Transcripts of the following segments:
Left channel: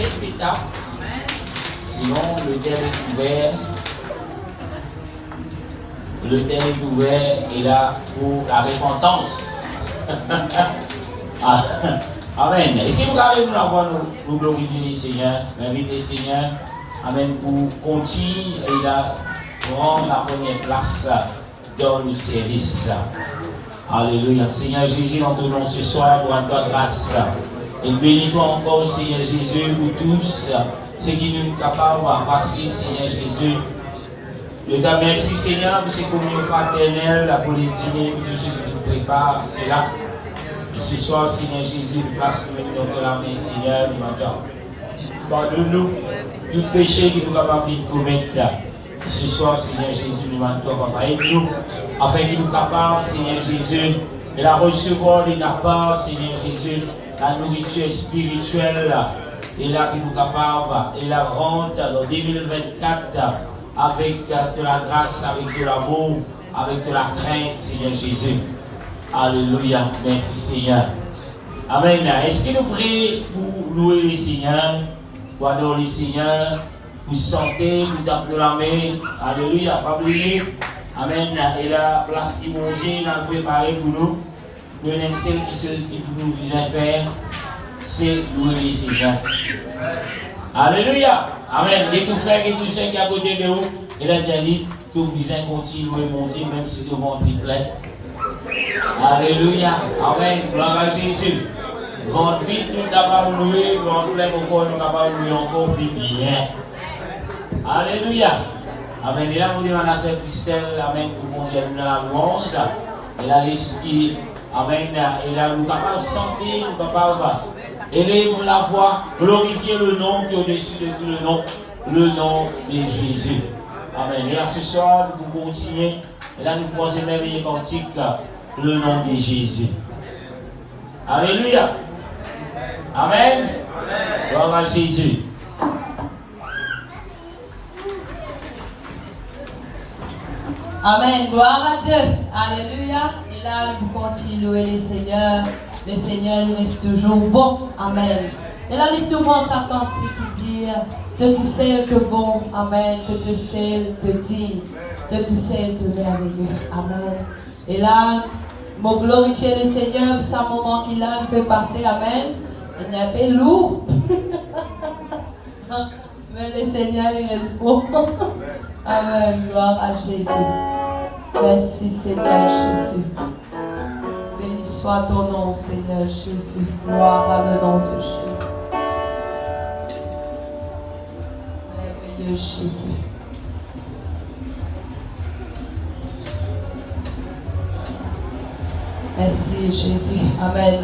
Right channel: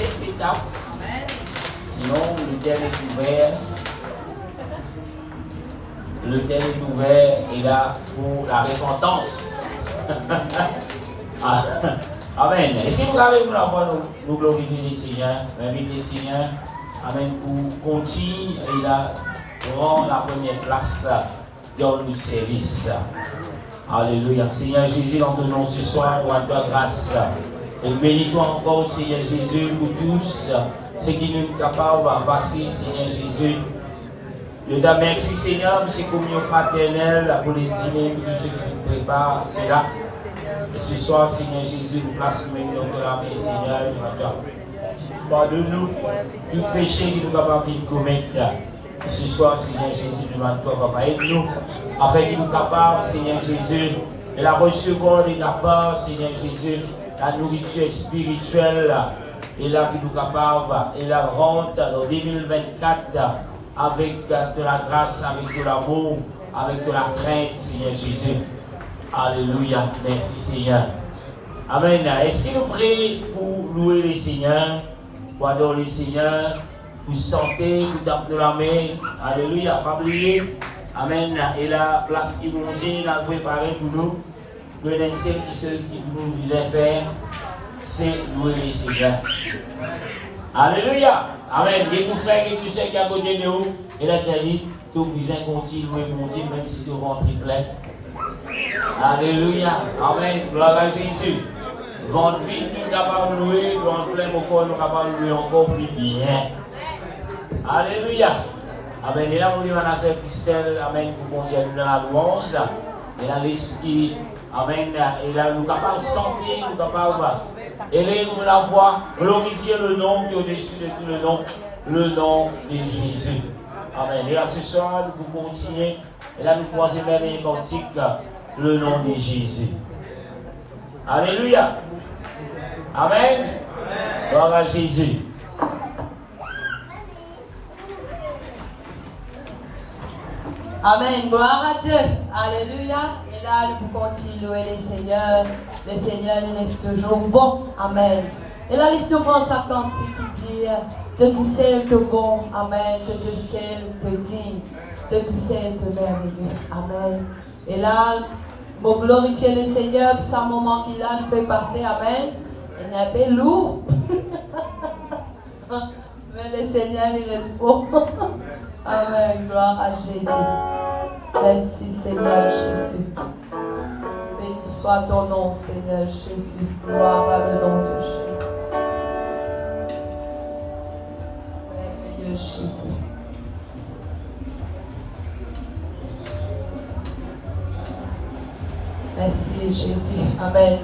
cette étape. Sinon, le terre est ouvert. Le terre est ouvert et là pour la repentance. Amen. Et si vous allez nous l'avoir, nous glorifier le Seigneur, inviter le Seigneur, amen, pour continuer et là, prendre la première place dans le service. Alléluia. Seigneur Jésus, nous te donnons ce soir pour ta grâce. Et bénis-toi encore, Seigneur Jésus, pour tous ceux qui nous sont capables de passer, Seigneur Jésus. Je te remercie, Seigneur, pour ces communions fraternelles, pour les dîners, pour tous ceux qui nous préparent cela. Et ce soir, Seigneur Jésus, passe-nous dans la main, Seigneur, du matin. Pardonne-nous tout péché que nous avons envie de commettre. Et ce soir, Seigneur Jésus, nous demandons, Papa, aide-nous, afin qu'il nous capable, Seigneur Jésus, de la recevoir de ta part, Seigneur Jésus, la nourriture spirituelle, et là, qu'il nous capable, et la rente en 2024, avec de la grâce, avec de l'amour, avec de la crainte, Seigneur Jésus. Alléluia. Merci, Seigneur. Amen. Est-ce que nous prions pour louer le Seigneur, pour adorer le Seigneur, pour chanter, pour taper la main? Alléluia. Pas oublier. Amen. Et la place qui mon Dieu a préparée pour nous, nous celle qui nous vient faire, c'est louer le Seigneur. Alléluia. Amen. Et tout frère et tout soeur qui a côté de nous, il a déjà dit que vous besoin continuer à monter, même si le ventre est plein. Alléluia. Amen. Gloire à Jésus. Ventre vite, nous sommes capables de louer, ventre plein, pourquoi nous sommes capables de louer encore plus bien. Alléluia. Amen. Et là, nous avons la sœur Christelle, amen, pour qu'on ait la louange. Et là, l'esprit, amen. Et là, nous sommes capables de sentir, nous sommes capables d'élever la voix, glorifier le nom qui est au-dessus de tout le nom de Jésus. Amen. Et là, ce soir, nous continuons. Et là, nous commençons merveilleux cantique, le nom de Jésus. Alléluia. Amen. Gloire à Jésus. Amen. Gloire à Dieu. Alléluia. Et là, nous continuons le Seigneur. Le Seigneur, il reste toujours bon. Amen. Et là, il souvent sa cantique qui dit de tout celle que bon. Amen. De tout celle que digne. De tout celle que merveilleux. Amen. Et là, pour glorifier le Seigneur pour ce moment qu'il a, il peut passer. Amen. Il y a des lourds. Mais le Seigneur, il reste bon. Amen. Gloire à Jésus. Merci, Seigneur Jésus. Béni soit ton nom, Seigneur Jésus. Gloire à le nom de Jésus. Merveilleux Jésus. Merci, Jésus. Amen.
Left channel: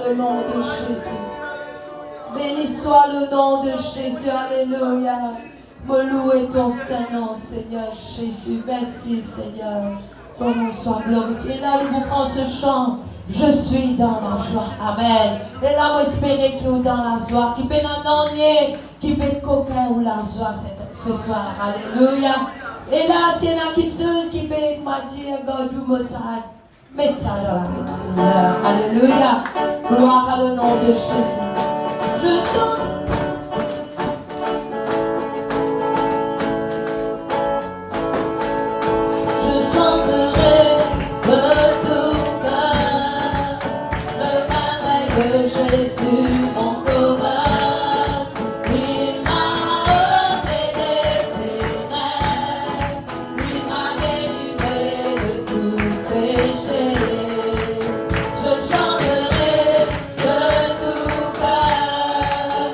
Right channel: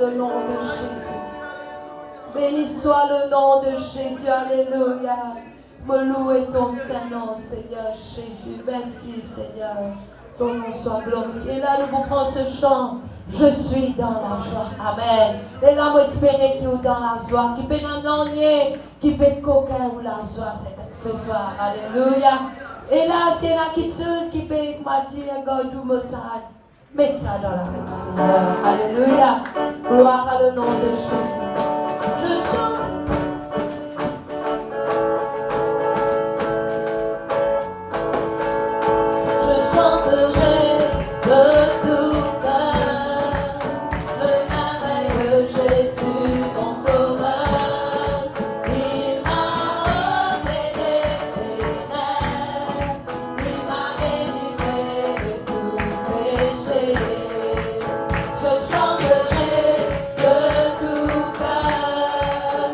le nom de Jésus. Béni soit le nom de Jésus. Alléluia. Me louer ton Saint-Nom, Seigneur Jésus. Merci, Seigneur. Ton nom soit glorifié. Et là, nous prenons ce chant. Je suis dans la joie. Amen. Et là, nous espérons qu'il est dans la joie. Qui peut n'annoncer, qui peut coquer ou la joie ce soir. Alléluia. Et là, c'est la quitteuse qui peut dire, Godou Mossad. Mettez ça dans la main du Seigneur. Alléluia. Gloire à le nom de Jésus. Je chante. Je chanterai de tout cœur le merveille de Jésus, mon sauveur. Il m'a ôté des rêves, il m'a délivré de tout péché. Je chanterai de tout cœur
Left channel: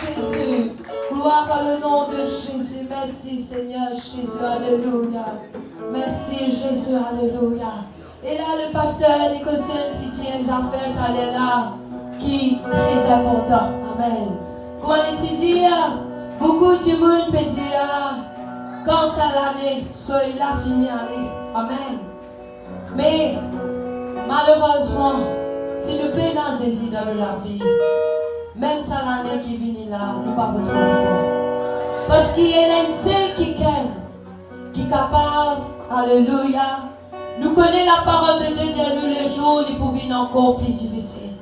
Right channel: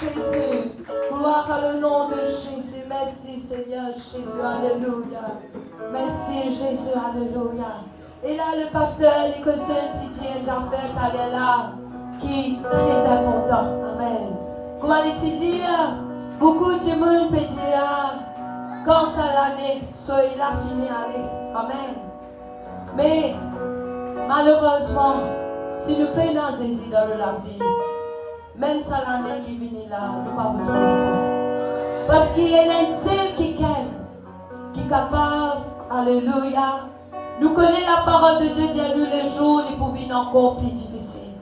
Jésus. Gloire à le nom de Jésus. Merci Seigneur Jésus. Alléluia. Merci Jésus. Alléluia. Et là, le pasteur Nicosien Titi les affaires est là, qui est très important. Amen. Comment il dit, beaucoup de monde peut dire, quand ça l'année, soit il a fini aller. Amen. Mais, malheureusement, si nous payons dans ces idées de la vie, même ça l'année qui vient là, nous ne pouvons pas retrouver le temps. Parce qu'il y a un seul qui est capable, alléluia. Nous connaissons la parole de Dieu, Dieu nous les jours, il peut venir encore plus difficile.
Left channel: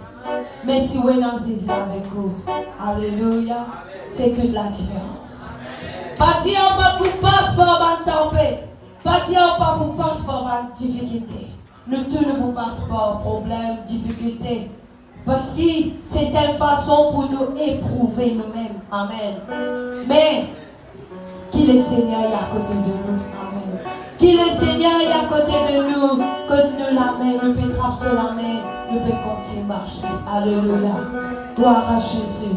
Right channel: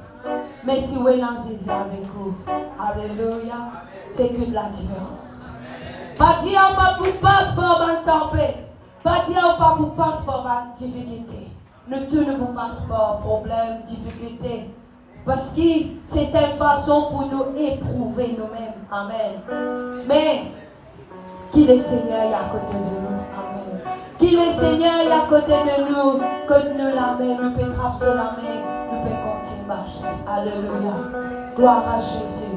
Mais si vous êtes dans ces avec vous, alléluia, c'est toute la différence. Pas dire pas pour passeport en tempête, pas dire pas pour passeport en difficulté. Nous tous nous passeport, problème, difficulté. Parce que c'est une façon pour nous éprouver nous-mêmes. Amen. Mais, qui le Seigneur est à côté de nous. Amen. Qui le Seigneur est à côté de nous. Que nous la main, nous pouvons frapper la main, nous pouvons continuer à marcher. Alléluia. Gloire à Jésus.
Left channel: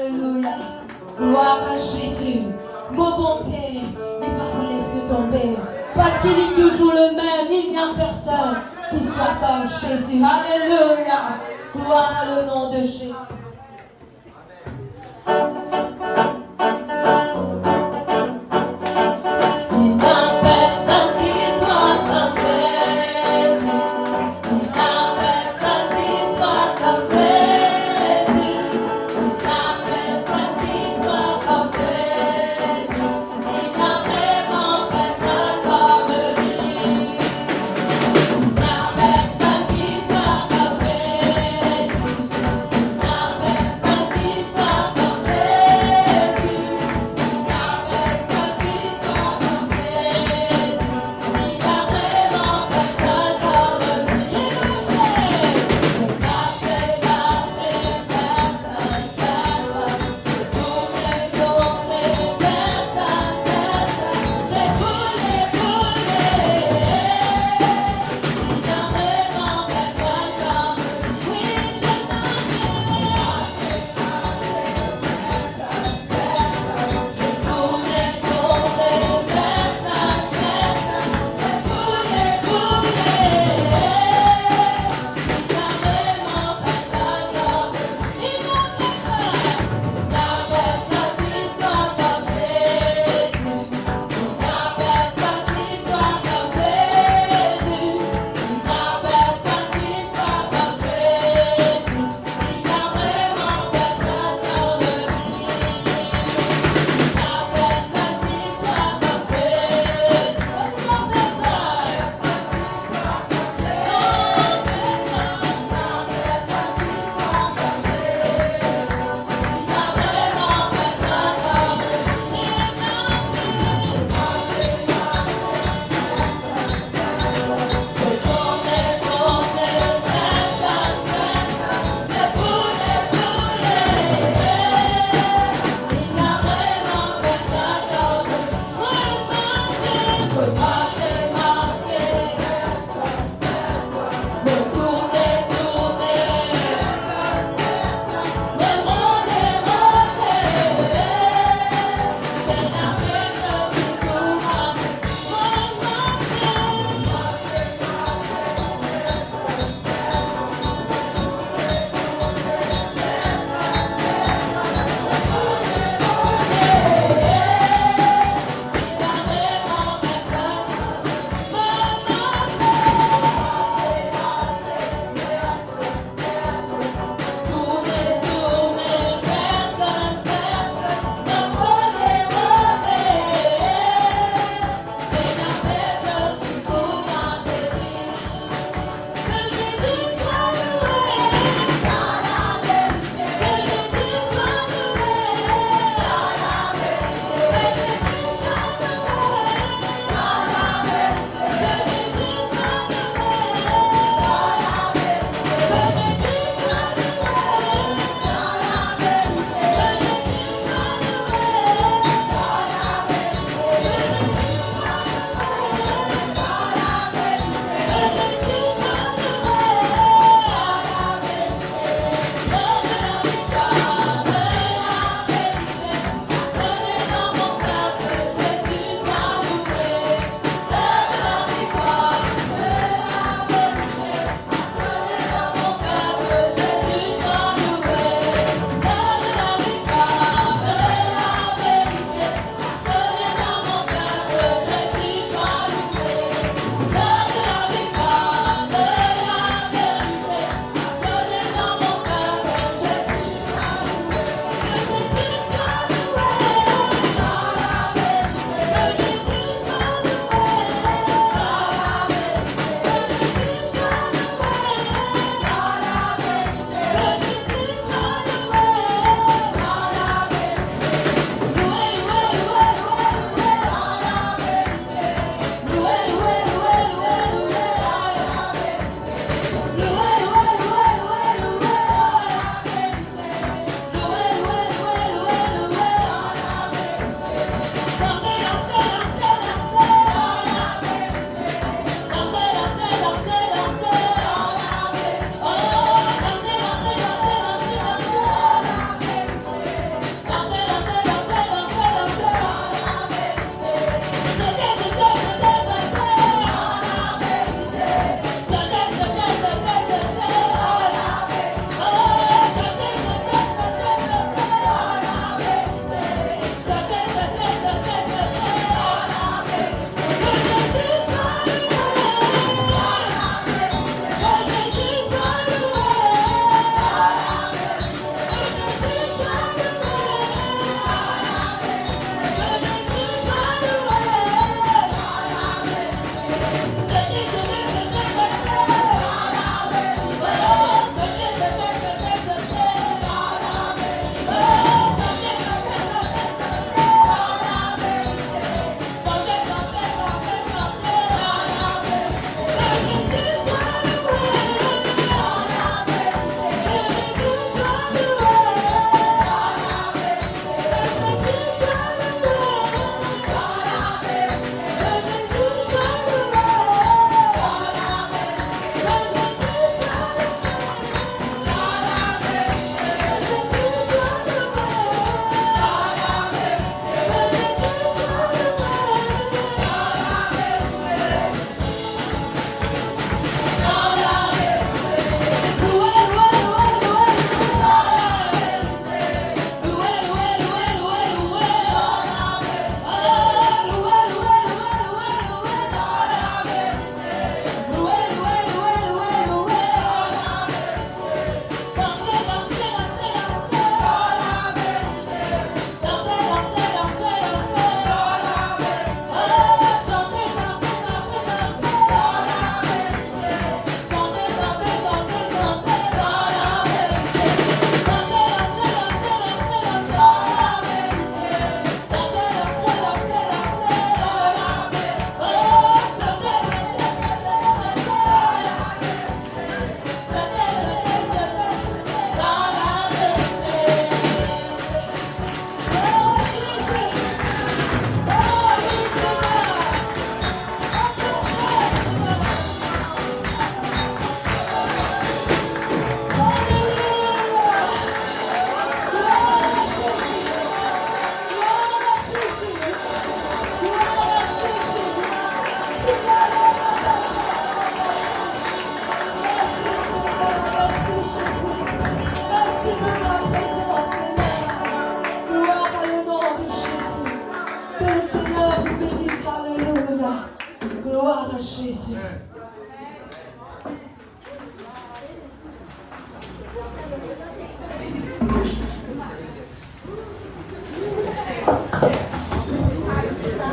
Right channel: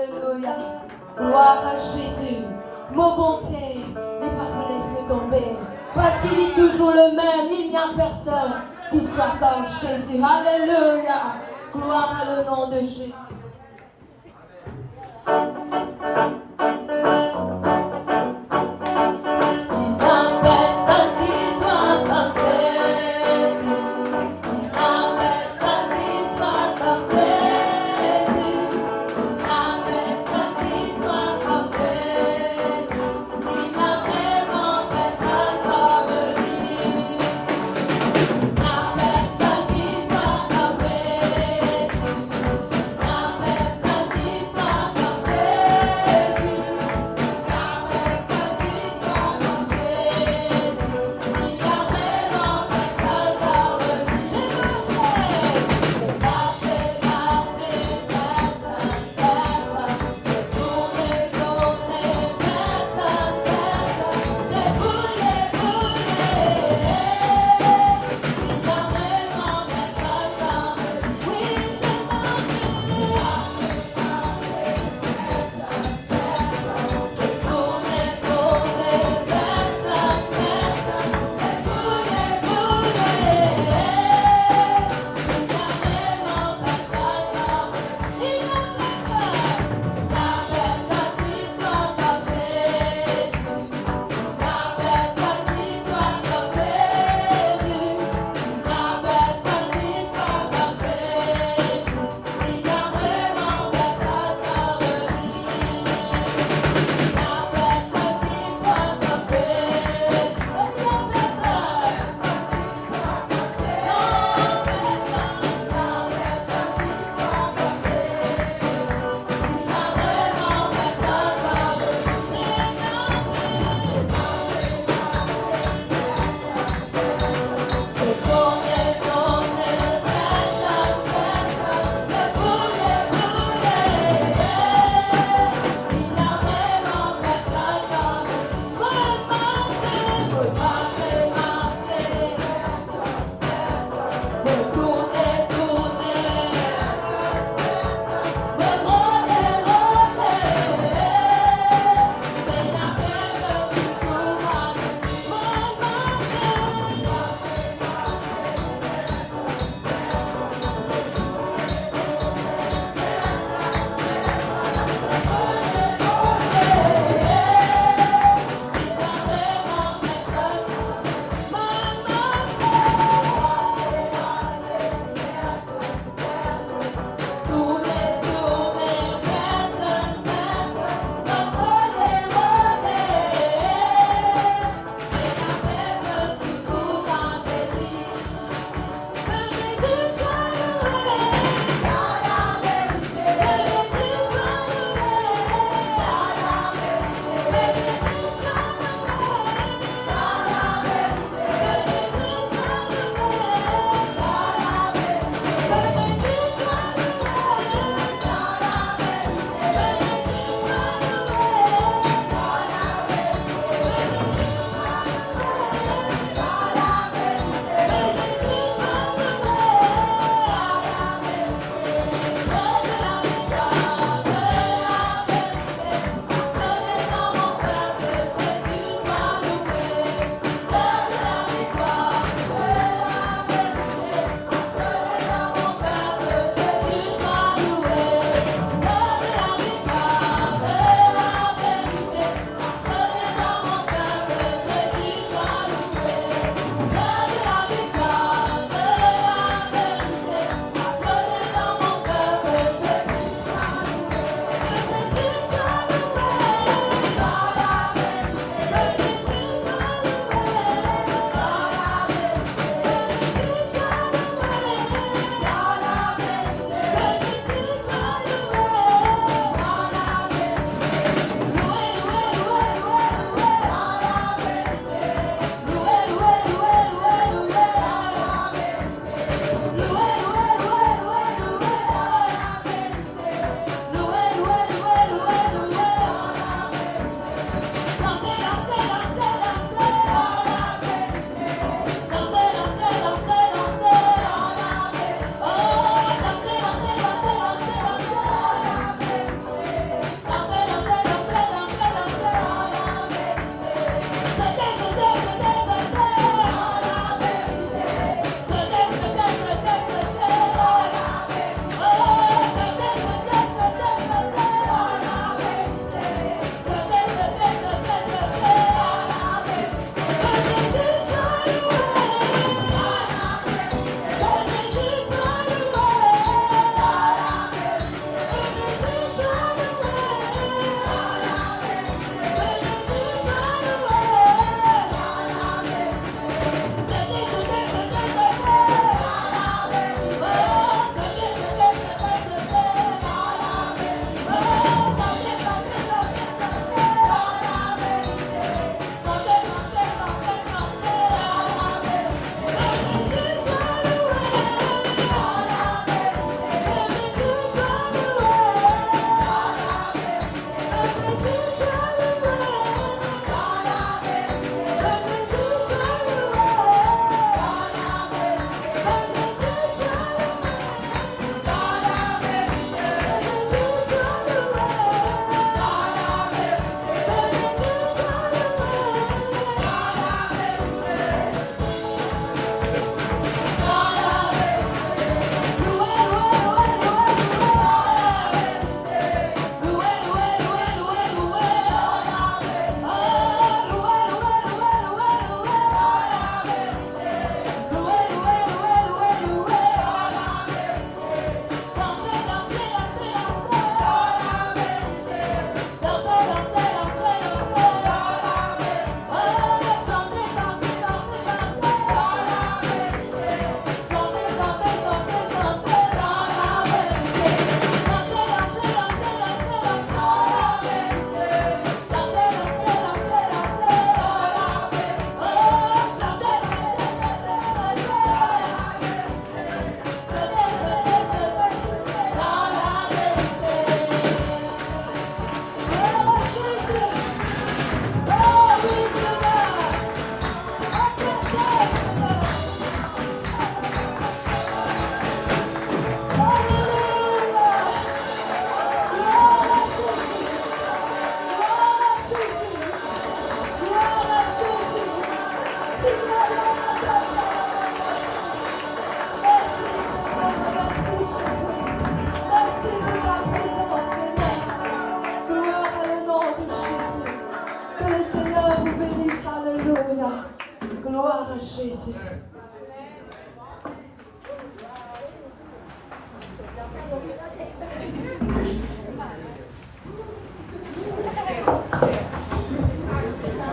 Alléluia. Gloire à Jésus. Mon bon Dieu, il va pas laisser tomber. Parce qu'il est toujours le même. Il n'y a personne qui soit comme Jésus. Alléluia. Gloire à le nom de Jésus. Personne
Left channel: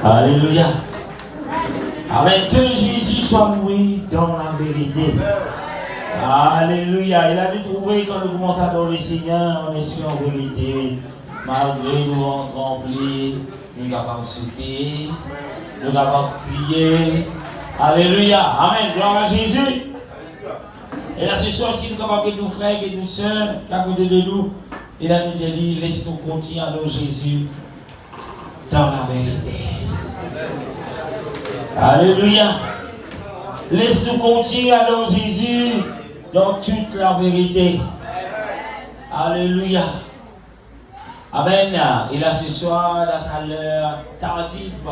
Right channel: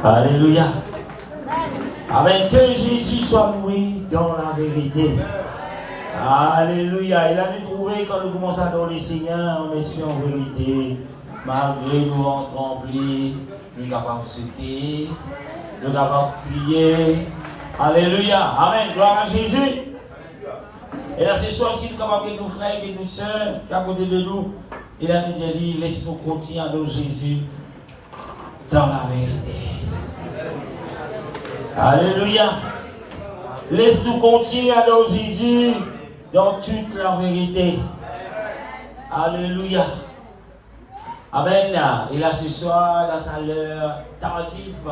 Alléluia. Amen. Que Jésus soit loué dans la vérité. Alléluia. Il a dit trouver quand nous commençons à adorer le Seigneur, on est sûr en vérité. Malgré nous remplis, nous sommes capables de sauter, nous sommes capables de crier. Alléluia. Amen. Gloire à Jésus. Et là, ce soir, si nous sommes capables de nos frères et nos sœurs, qui à côté de nous, il a dit, laisse-nous continuer à adorer Jésus dans la vérité. Alléluia. Laisse-nous continuer à adorer Jésus dans toute la vérité. Alléluia. Amen. Et là, ce soir, dans sa l'heure tardive,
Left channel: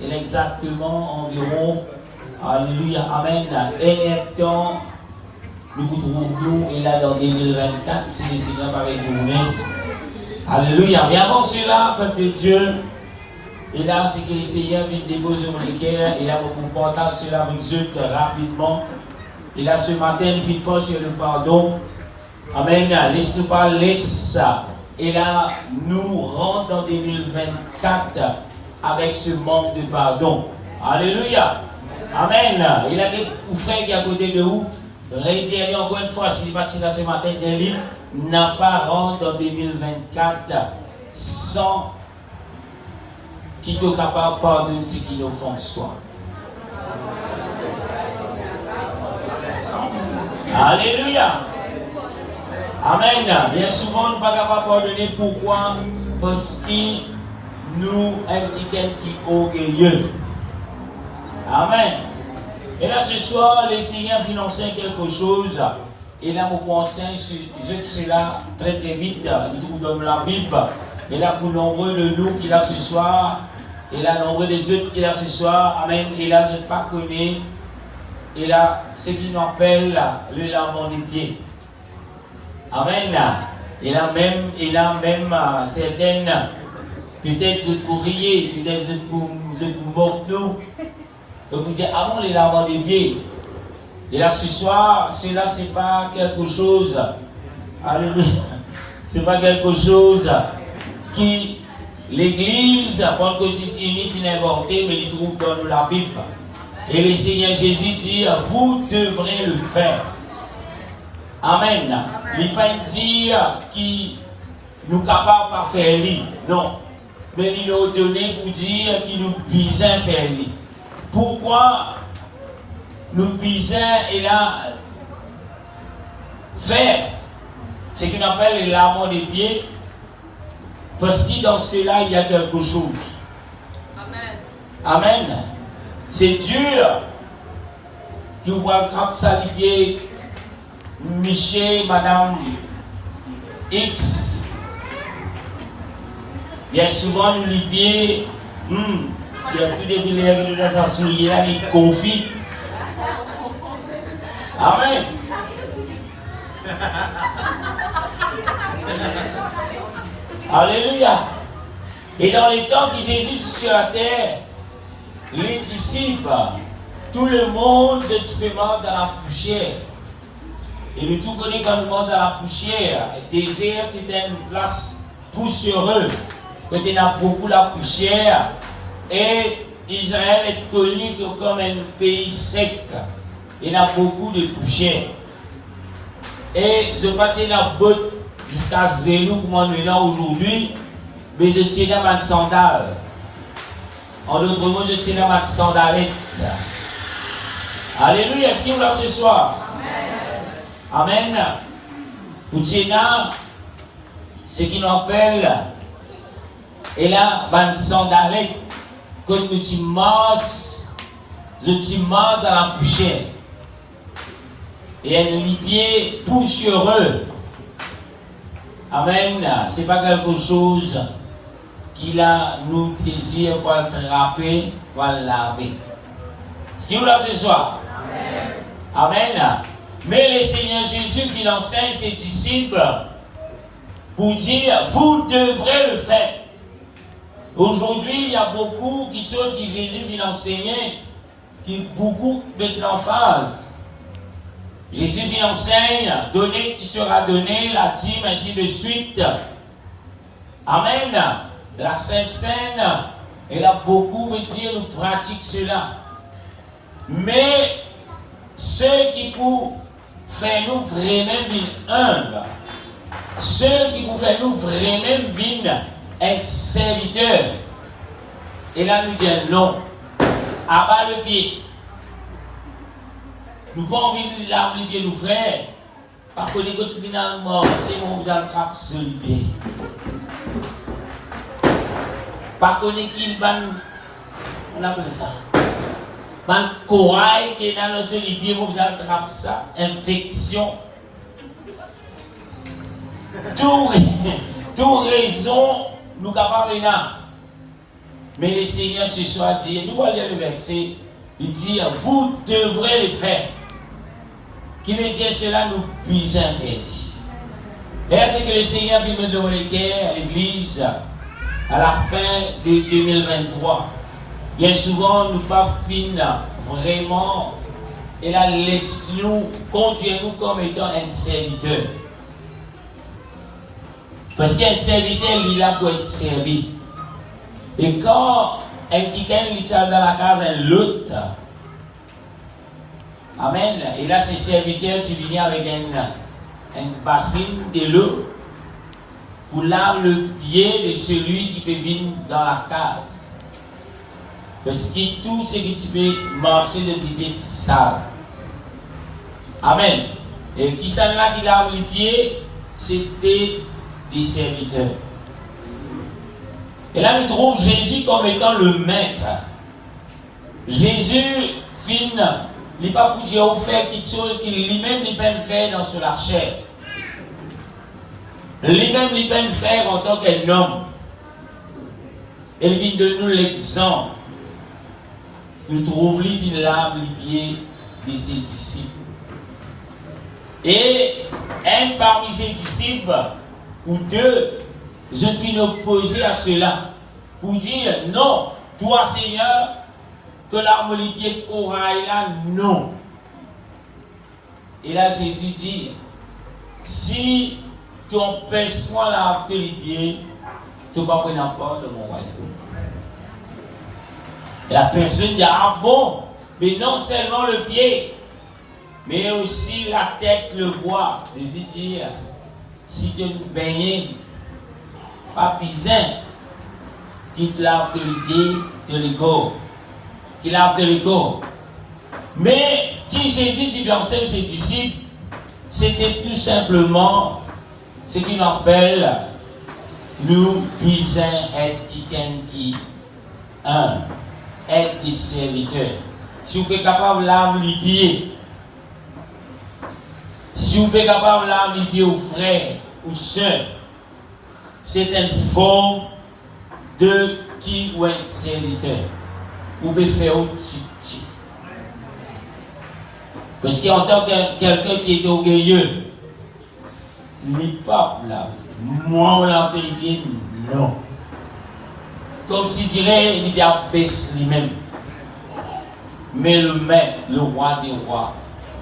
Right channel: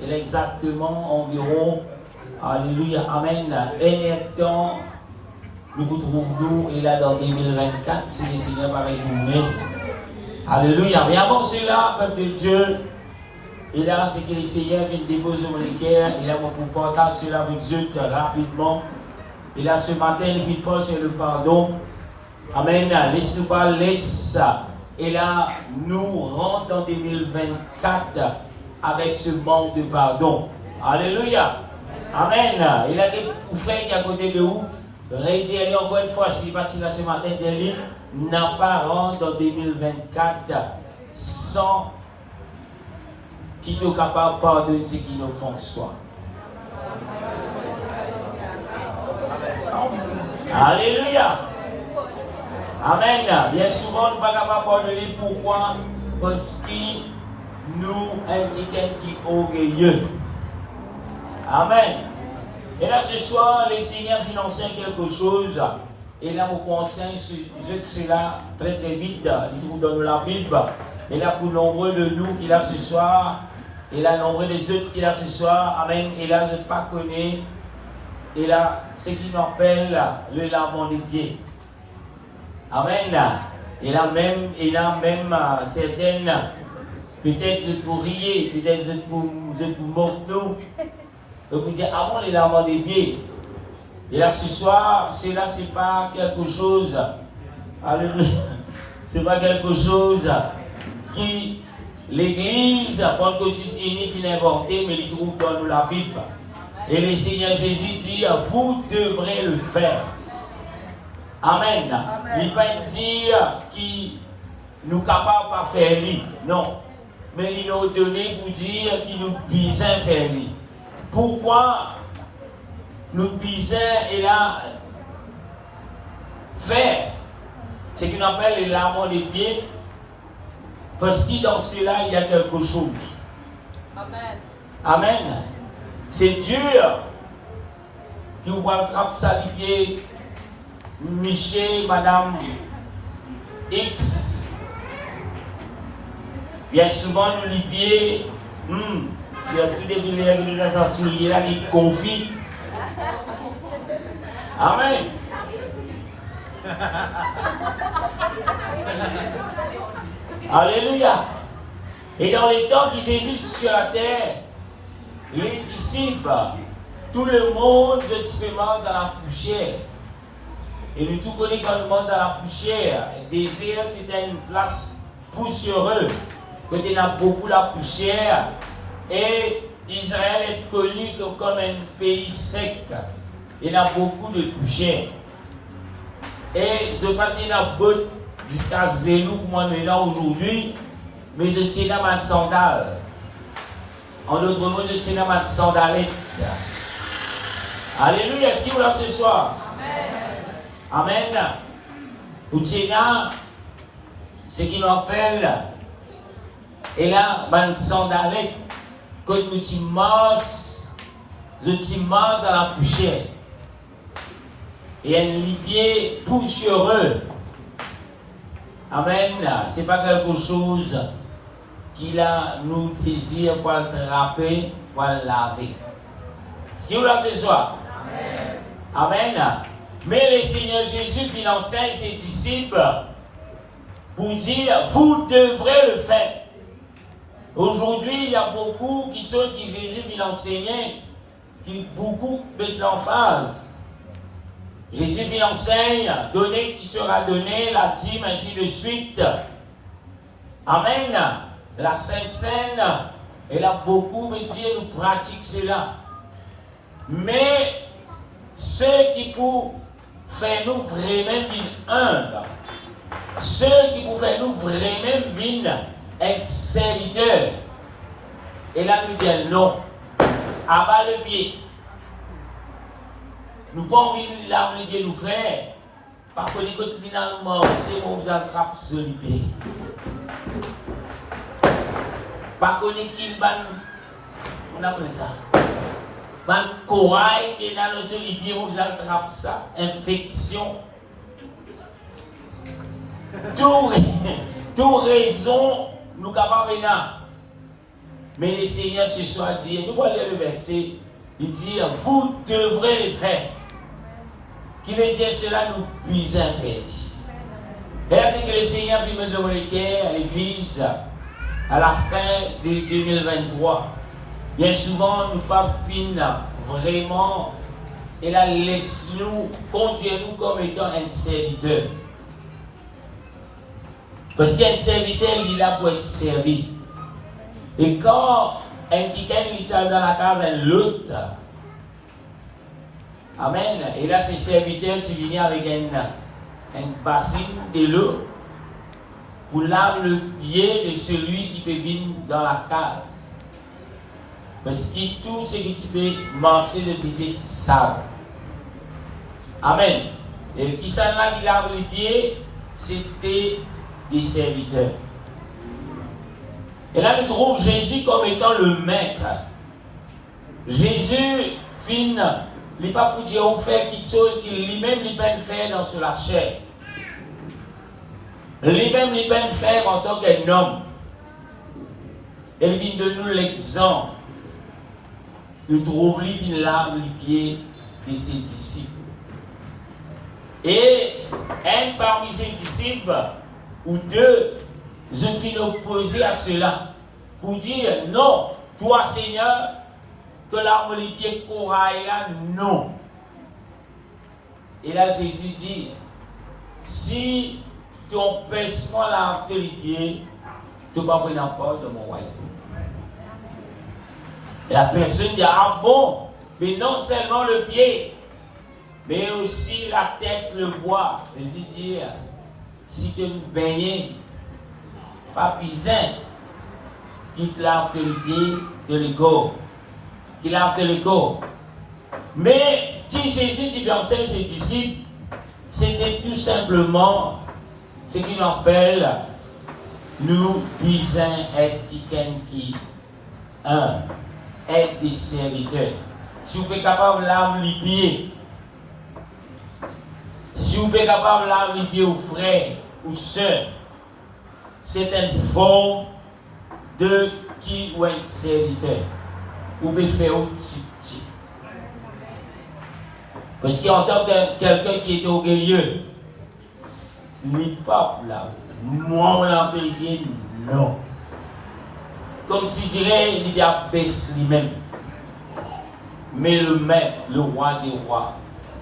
il est exactement environ, alléluia, amen, un temps, nous vous trouvons, et là, dans 2024, si le Seigneur va retourner. Alléluia. Mais avant cela, peuple de Dieu, et là, c'est que le Seigneur vient déposer mon cœur, et là, vous partagez cela avec eux rapidement. Et là, ce matin, il ne fit pas sur le pardon. Amen. Laisse-nous pas laisser ça. Et là, nous rentrons en 2024 avec ce manque de pardon. Alléluia. Amen. Il a des frères qui est à côté de vous. Rédiez encore une fois, si parti là ce matin, n'a pas rentré en 2024 sans qui est capable de pardonner ce qui nous font soi. Alléluia. Amen. Bien souvent, nous ne sommes pas capables de pardonner. Pourquoi? Parce que nous indiquons qui est orgueilleux. Amen. Et là, ce soir, les Seigneurs finançaient quelque chose. Et là, vous pensez sur cela très très vite. Il trouve dans la Bible. Et là, pour nombreux de nous qui là ce soir. Et là, nombreux des autres qui là ce soir. Amen. Et là, je ne pas connais. Et là, ce qu'ils appellent le lavement des pieds. Amen. Il a même certaines, peut-être pour rier, peut-être pour moquer nous. Donc vous dites, avant les lavements des pieds. Et là ce soir, cela c'est pas quelque chose. Alléluia. C'est pas quelque chose qui l'Église, Pentecôtiste unie qui n'a inventé, mais il trouve dans la Bible. Et le Seigneur Jésus dit, vous devrez le faire. Amen. Il ne va pas dire qu'il nous capable de faire lui. Non. Mais il nous donné pour dire qu'il nous besoin de faire lui. Pourquoi nous besoin et là faire ce qu'on appelle les lavements des pieds? Parce que dans cela il y a quelque chose. Amen. Amen. C'est dur qui vous voit attraper ça les pieds. Michel, Madame X. Bien souvent, nous les pieds, si on a tous les villes dans la soulier, là, les confits. Amen. Alléluia. Et dans les temps qui Jésus sur la terre, les disciples, tout le monde expérimente dans la poussière. Et le tout connaît quand on monte dans la poussière. Le désert, c'était une place poussiéreuse. Donc il y a beaucoup de poussière. Et Israël est connu comme un pays sec. Il y a beaucoup de poussière. Et je pense qu'il y a beaucoup jusqu'à zéro pour moi aujourd'hui. Mais je tiens dans ma sandale. En d'autres mots, je tiens dans ma sandalette. Alléluia. Est-ce qu'il y a là ce soir? Amen. Outina, ce qui nous appelle, et là, ma sandalette, quand tu marches dans la poussière. Et un pied poussiéreux. Amen. C'est pas quelque chose qui a nous désire pour le trapper, pour le laver. Ce qui est là ce soir? Amen. Amen. Mais le Seigneur Jésus enseigne ses disciples pour dire, vous devrez le faire. Aujourd'hui, il y a beaucoup de choses que Jésus enseignait, qui beaucoup mettent l'emphase. Jésus enseigne, donner qui sera donné, la dîme, ainsi de suite. Amen. La Sainte Seine, Et là, beaucoup de Dieu nous pratiquent cela. Mais ceux qui pour faire nous vraiment humbles, ceux qui pour faire nous vraiment être serviteurs, et là nous disons non, abat le pied. Nous pas envie de l'arme le pied nous faire, parce que les côtés finalement, c'est mon dans le cap sur le pied. Parce qu'on est qui on appelle ça. Ban corail qui est dans le pied, on attrape ça, infection. Tout raison, nous capables de. Mais le Seigneur ce soir dit, nous allons lire le verset, il dit, vous devrez le faire. Qui veut dire cela nous puisse faire. Et là, c'est que le Seigneur vient de donner à l'église à la fin de 2023. Bien souvent, nous pas finir vraiment, et là, laisse-nous, conduire-nous comme étant un serviteur. Parce qu'un serviteur, il est là pour être servi. Et quand un quelqu'un est dans la case d'un l'autre, amen, et là, ces serviteurs, tu viens avec un bassin de l'eau pour laver le pied de celui qui peut venir dans la case. Parce que tout ce que tu peux marcher de tes pieds, tu sales. Amen. Et qui sont là qui lave les pieds, c'était des serviteurs. Et là, nous trouvons Jésus comme étant le maître. Jésus, il n'est pas pour dire on fait quelque chose qu'il lui-même il peut faire dans la chair. Lui-même il peut faire en tant qu'un homme. Il vient de nous l'exemple. Nous trouvons lui lave les pieds de ses disciples. Et un parmi ses disciples, ou deux, je suis opposé à cela. Pour dire non, toi Seigneur, que l'arme les pieds corail là, non. Et là Jésus dit, si tu empêches-moi l'arme les pieds, tu ne vas pas prendre part de mon royaume. La personne dit, ah bon, mais non seulement le pied, mais aussi la tête, le bois. Jésus dit, si tu me baignes, pas pisin, quitte l'autorité de l'ego. Qu'il a de l'ego. Mais qui Jésus dit dans ses disciples, c'était tout simplement ce qu'il appelle nous puissons être quelqu'un qui être des serviteurs. Si vous êtes capable de laver les pieds, si vous êtes capable de laver les pieds aux frères ou sœurs, c'est une forme de qui ou un serviteur. Vous pouvez faire aussi petit. Parce qu'en tant que quelqu'un qui est orgueilleux, n'est pas pour la moi, on l'a appelé, non. Comme si dirait, il y a baisse lui-même. Mais le maître, le roi des rois,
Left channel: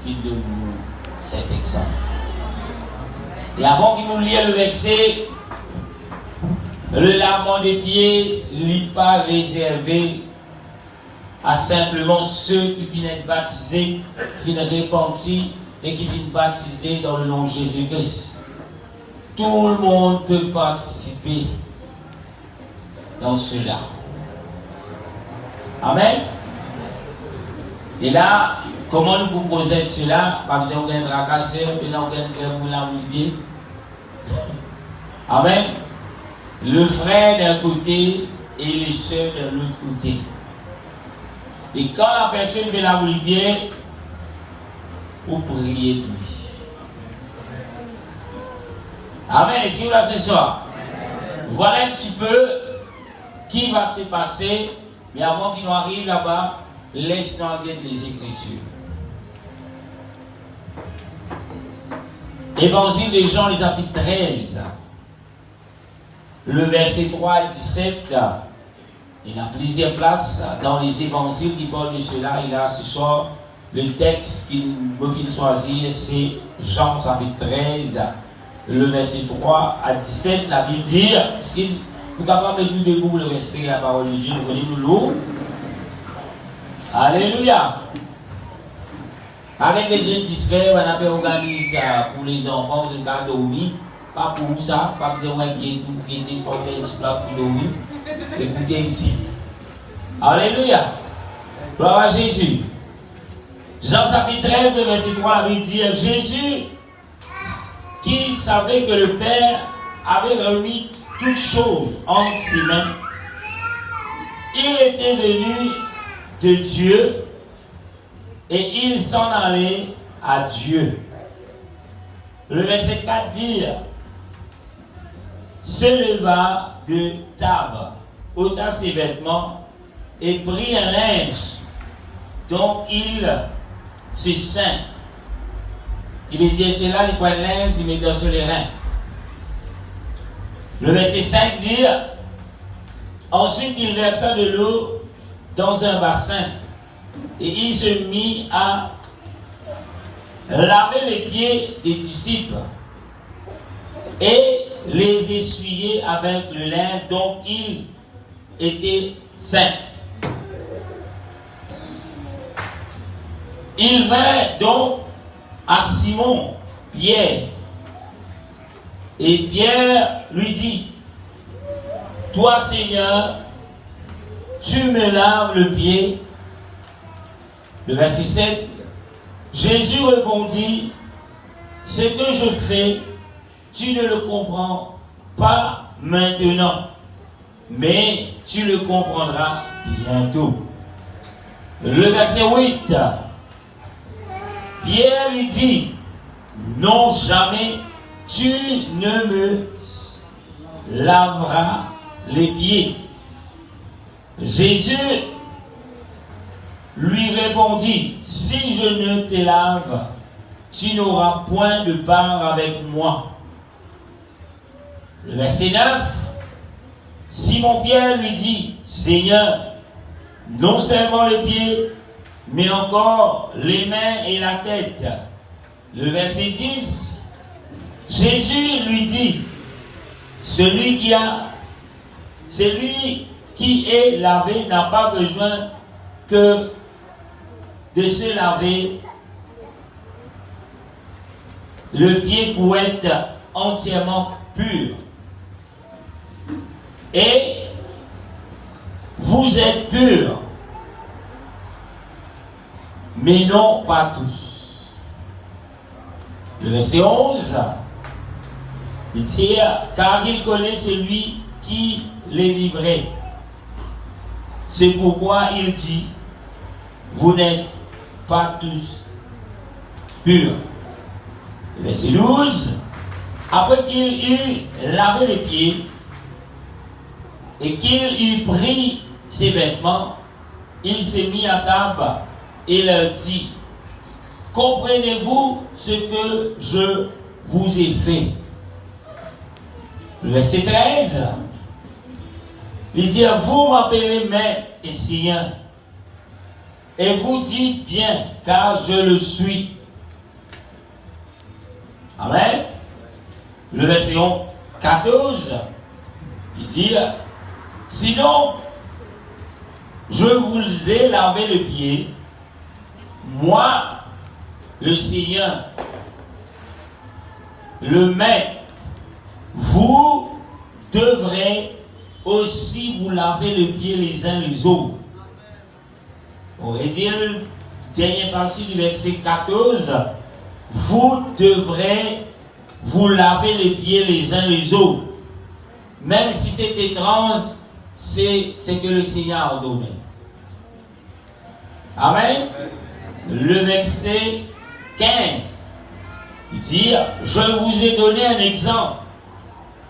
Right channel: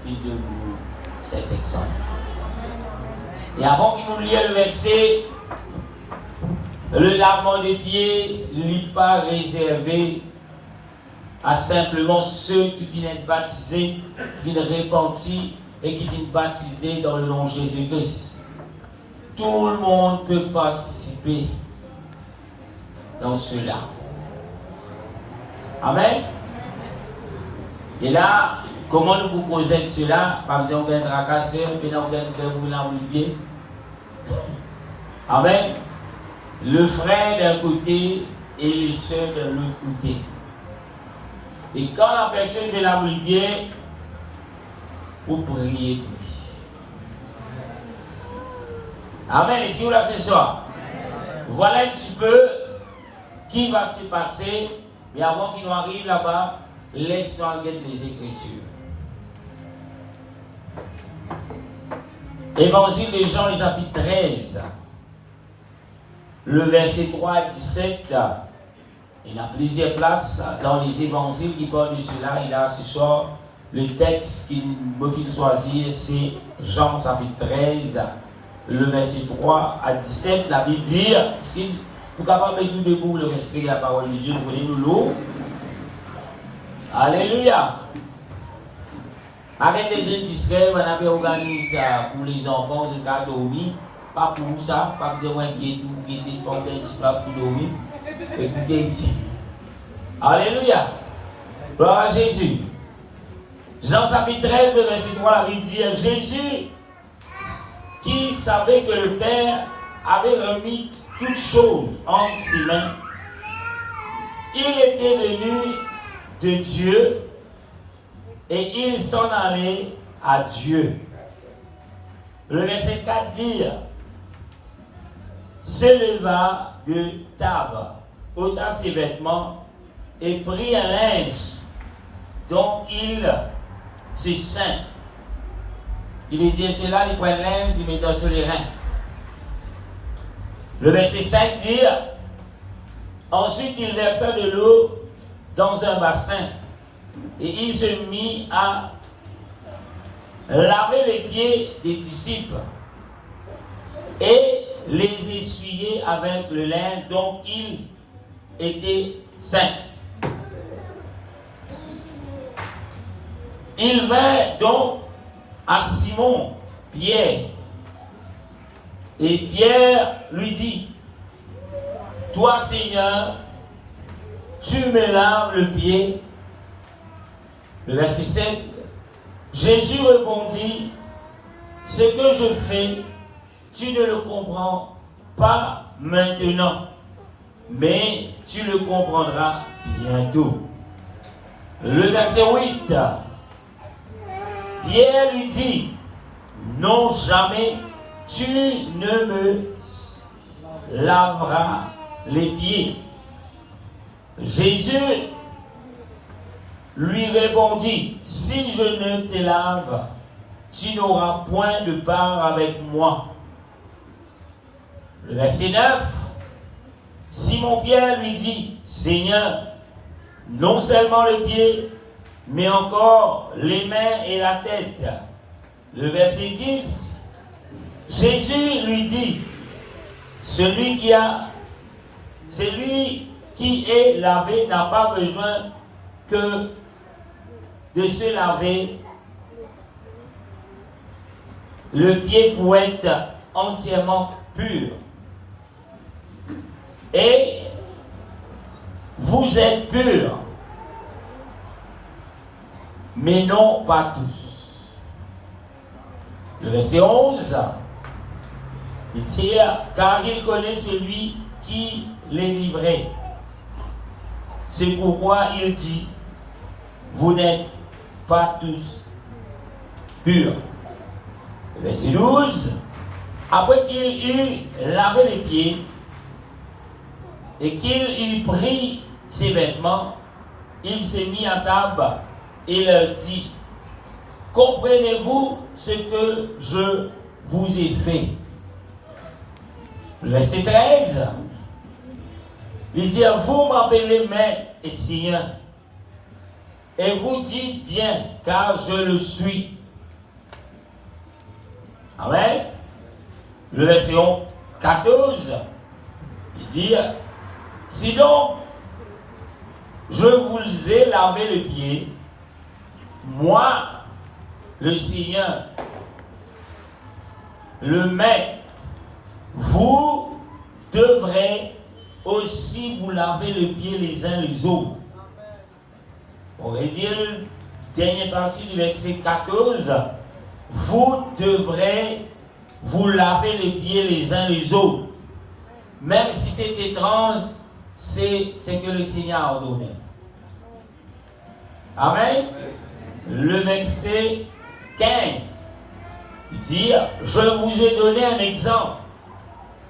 fit de nous cet exemple. Et avant qu'il nous lise le verset, le lavement des pieds n'est pas réservé à simplement ceux qui viennent baptiser, qui viennent repentir et qui viennent baptiser dans le nom de Jésus-Christ. Tout le monde peut participer dans cela. Amen. Et là, comment nous proposons cela? Par exemple, on a un racasseur, puis on a un frère, vous l'avez oublié. Amen. Le frère d'un côté et les sœurs de l'autre côté. Et quand la personne vient la bien, vous priez pour lui. Amen. Et si vous là ce soir, voilà un petit peu qui va se passer. Mais avant qu'il arrive là-bas, laisse-nous regarder les Écritures. Évangile de Jean, les chapitre 13. Le verset 3 à 17. Il y a plusieurs places dans les évangiles qui parlent de cela. Et là, ce soir, le texte qu'il me fait choisir, c'est Jean chapitre 13, le verset 3 à 17. La Bible dit, Pour capable de nous debout, le respect de la parole de Dieu, nous connaissons l'eau. Alléluia. Avec les jeunes discrets, on avait organisé ça pour les enfants, c'est le cas dormir. Pas pour ça, pas pour dire qu'il y a des sportifs qui peuvent pour dormir. Écoutez ici. Alléluia. Gloire à Jésus. Jean chapitre 13, verset 3, la Bible dit Jésus, qui savait que le Père avait remis toutes choses entre ses mains, il était venu de Dieu et il s'en allait à Dieu. Le verset 4 dit se leva de table, ôta ses vêtements et prit un linge dont il se ceint. Il est dit cela, il prend un linge, il met dans sur les reins. Le verset 5 dit ensuite il versa de l'eau dans un bassin et il se mit à laver les pieds des disciples et les essuyer avec le linge dont il était saint. Il vint donc à Simon, Pierre, et Pierre lui dit, toi Seigneur, tu me laves le pied. Le verset 7, Jésus répondit, ce que je fais, tu ne le comprends pas maintenant, mais tu le comprendras bientôt. Le verset 8, Pierre lui dit, non jamais tu ne me laveras les pieds. Jésus lui répondit, si je ne te lave, tu n'auras point de part avec moi. Le verset 9, Simon-Pierre lui dit, Seigneur, non seulement les pieds, mais encore les mains et la tête. Le verset 10, Jésus lui dit, celui qui est lavé n'a pas besoin que de se laver le pied pour être entièrement pur. Et vous êtes purs, mais non pas tous. Le verset 11, il dit, car il connaît celui qui les livrait. C'est pourquoi il dit, vous n'êtes pas tous purs. Le verset 12, après qu'il eut lavé les pieds et qu'il eut pris ses vêtements, il s'est mis à table et leur dit, comprenez-vous ce que je vous ai fait? Le verset 13, il dit, vous m'appelez Maître et Seigneur, et vous dites bien, car je le suis. Amen. Le verset 14, il dit, sinon, je vous ai lavé le pied, moi, le Seigneur, le Maître, vous devrez aussi vous laver les pieds les uns les autres. On va dire, dernière partie du verset 14, vous devrez vous laver les pieds les uns les autres. Même si c'est étrange, c'est que le Seigneur a ordonné. Amen. Le verset 15, il dit, je vous ai donné un exemple,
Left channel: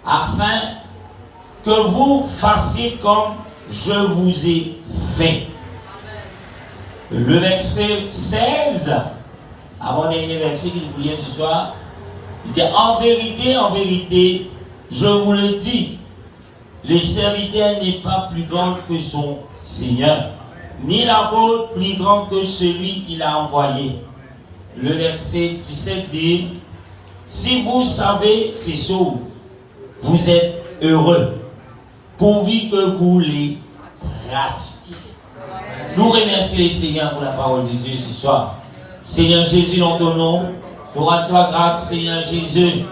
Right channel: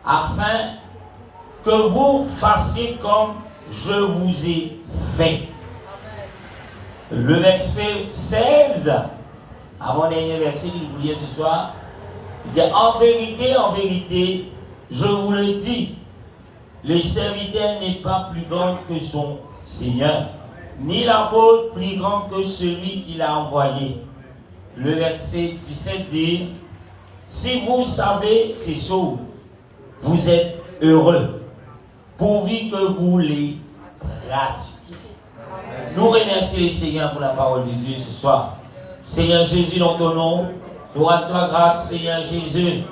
afin que vous fassiez comme je vous ai fait. Le verset 16, avant-dernier verset qu'il priait ce soir, il dit, en vérité, je vous le dis, le serviteur n'est pas plus grand que son Seigneur, ni l'apôtre plus grand que celui qui l'a envoyé. Le verset 17 dit, si vous savez ces choses, vous êtes heureux, pourvu que vous les pratiquiez. Nous remercions le Seigneur pour la parole de Dieu ce soir. Seigneur Jésus, dans ton nom, nous rendons toi grâce, Seigneur Jésus,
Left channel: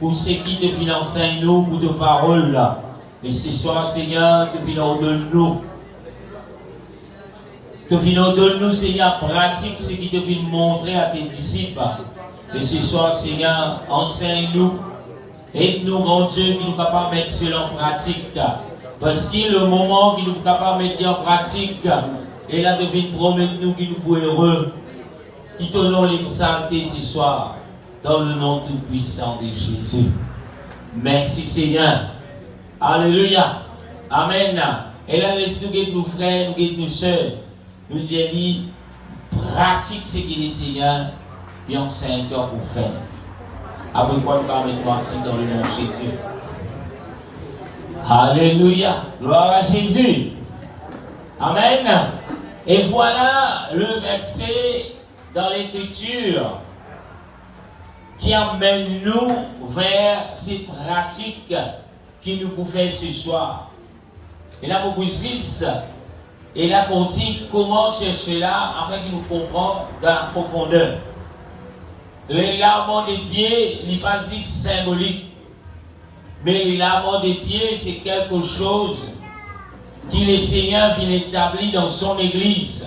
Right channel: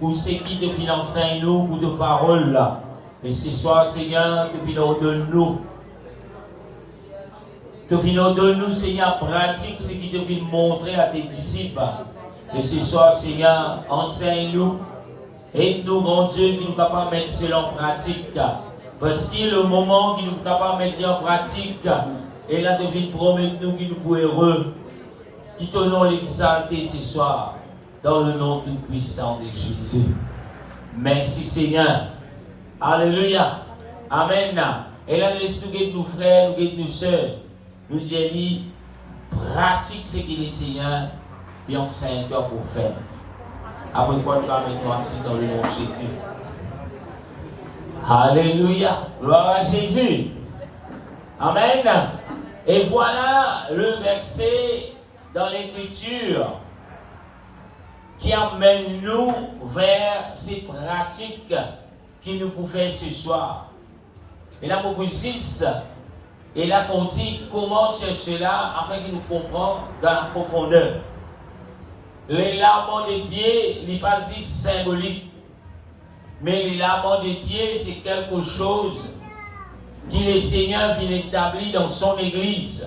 pour ce qui te fait enseigner nous, pour tes paroles là. Et ce soir, Seigneur, te fais ordonne-nous. Te fais ordonne-nous, Seigneur, pratique ce qui te fait montrer à tes disciples. Et ce soir, Seigneur, enseigne-nous. Aide-nous, grand Dieu, qui nous capable de mettre cela en pratique. Parce que le moment qui nous capable de mettre en pratique, et là, devine promettre nous qui nous pouvons heureux. Qui te nom l'exalter ce soir, dans le nom tout puissant de Jésus. Merci, Seigneur. Alléluia. Amen. Et là, nous nos frères, nous soeurs, nous disons, pratique ce qu'il est, Seigneur, et enseigne-toi pour faire. Après quoi, nous allons assis dans le nom de Jésus. Alléluia. Gloire à Jésus. Amen. Et voilà le verset dans l'Écriture qui amène nous vers ces pratiques qui nous pouvons faire ce soir. Et là, vous 6, et là, on dit comment c'est cela, afin qu'il nous comprenne dans la profondeur. Les lavements des pieds n'est pas si symbolique, mais les lavements des pieds, c'est quelque chose qui le Seigneur vient établir dans son Église,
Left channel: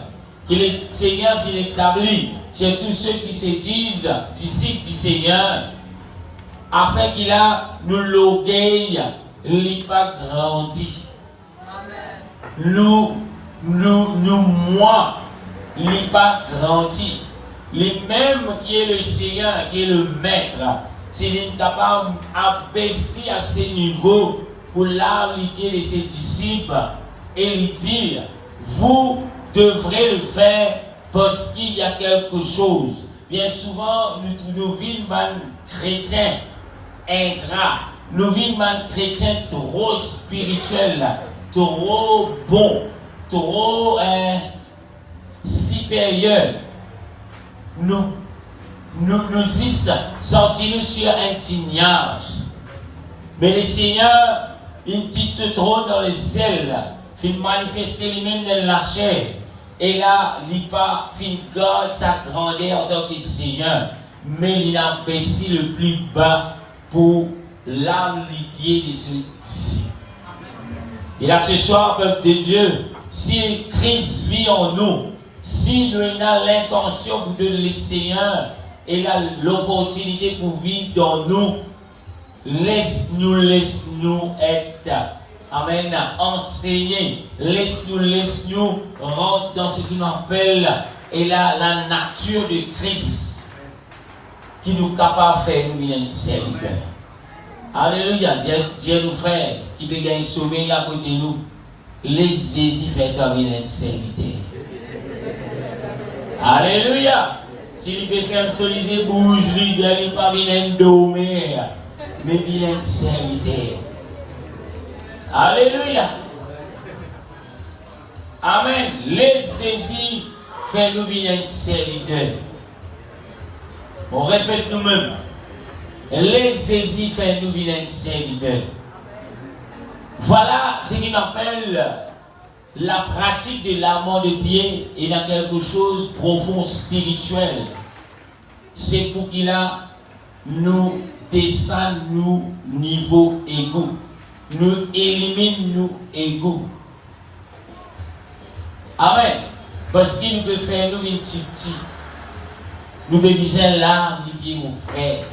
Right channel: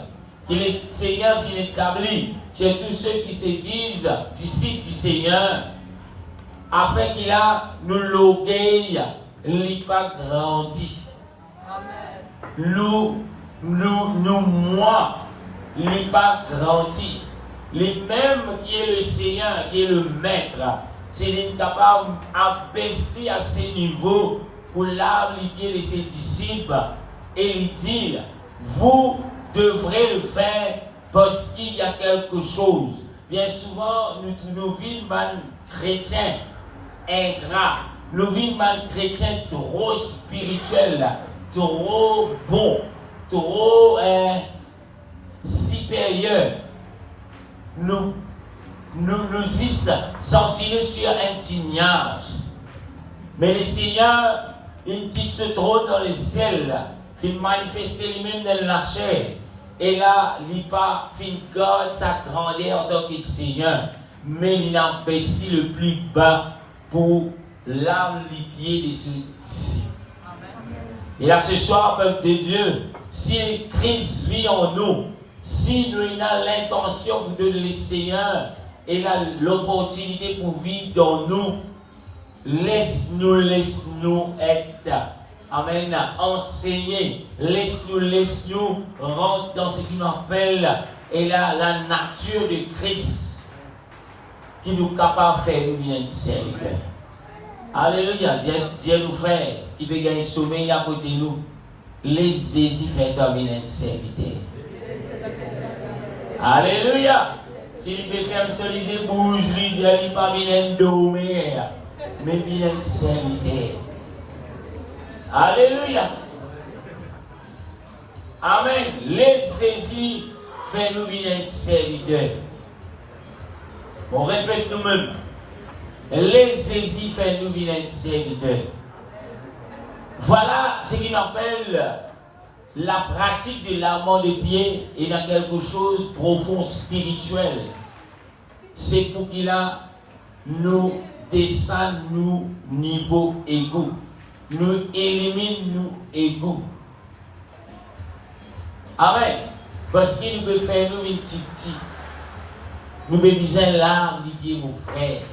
que le Seigneur vient établir chez tous ceux qui se disent disciples du Seigneur, afin qu'il a l'orgueil n'est pas grandi. Moi, n'est pas grandi. Les mêmes qui est le Seigneur, qui est le Maître, c'est capable d'abaisser à ce niveau pour l'appliquer de ses disciples et lui dire, vous devrez le faire parce qu'il y a quelque chose. Bien souvent, nous vivons un chrétien ingrat, nous vivons un chrétien trop spirituel, trop bon, trop supérieur. Nous sentis sur un tignage. Mais le Seigneur, il quitte ce trône dans les ailes, il manifeste lui-même dans la chair. Et là, il garde sa grandeur en tant que Seigneur. Mais il a baissé le plus bas pour l'amplifier de ses disciples. Et là, ce soir, peuple de Dieu, si Christ vit en nous, si nous avons l'intention de le Seigneur et l'opportunité pour vivre dans nous, laisse-nous être. Amen. Enseigner. Laisse-nous rentrer dans ce qu'on appelle la nature de Christ qui nous est capable de faire nous une serviteur. Alléluia. Dieu nous fait qui peut gagner sauver à côté de nous. Les Jésus fait une serviteur. Alléluia. Si il peut faire soliser bouge, il n'est pas bien dormir, mais bien serviteur. Alléluia. Amen. Les saisies fait nous venir serviteur. On répète nous-mêmes. Les saisies fait nous venir serviteur. Voilà ce qu'on appelle la pratique de lavement de pieds et dans quelque chose de profond spirituel. C'est pour qu'il a nous descend nous niveau égaux. Nous élimine nous égaux. Amen. Parce qu'il peut faire nous une petite. Nous peut viser l'arme du pied, mon frère.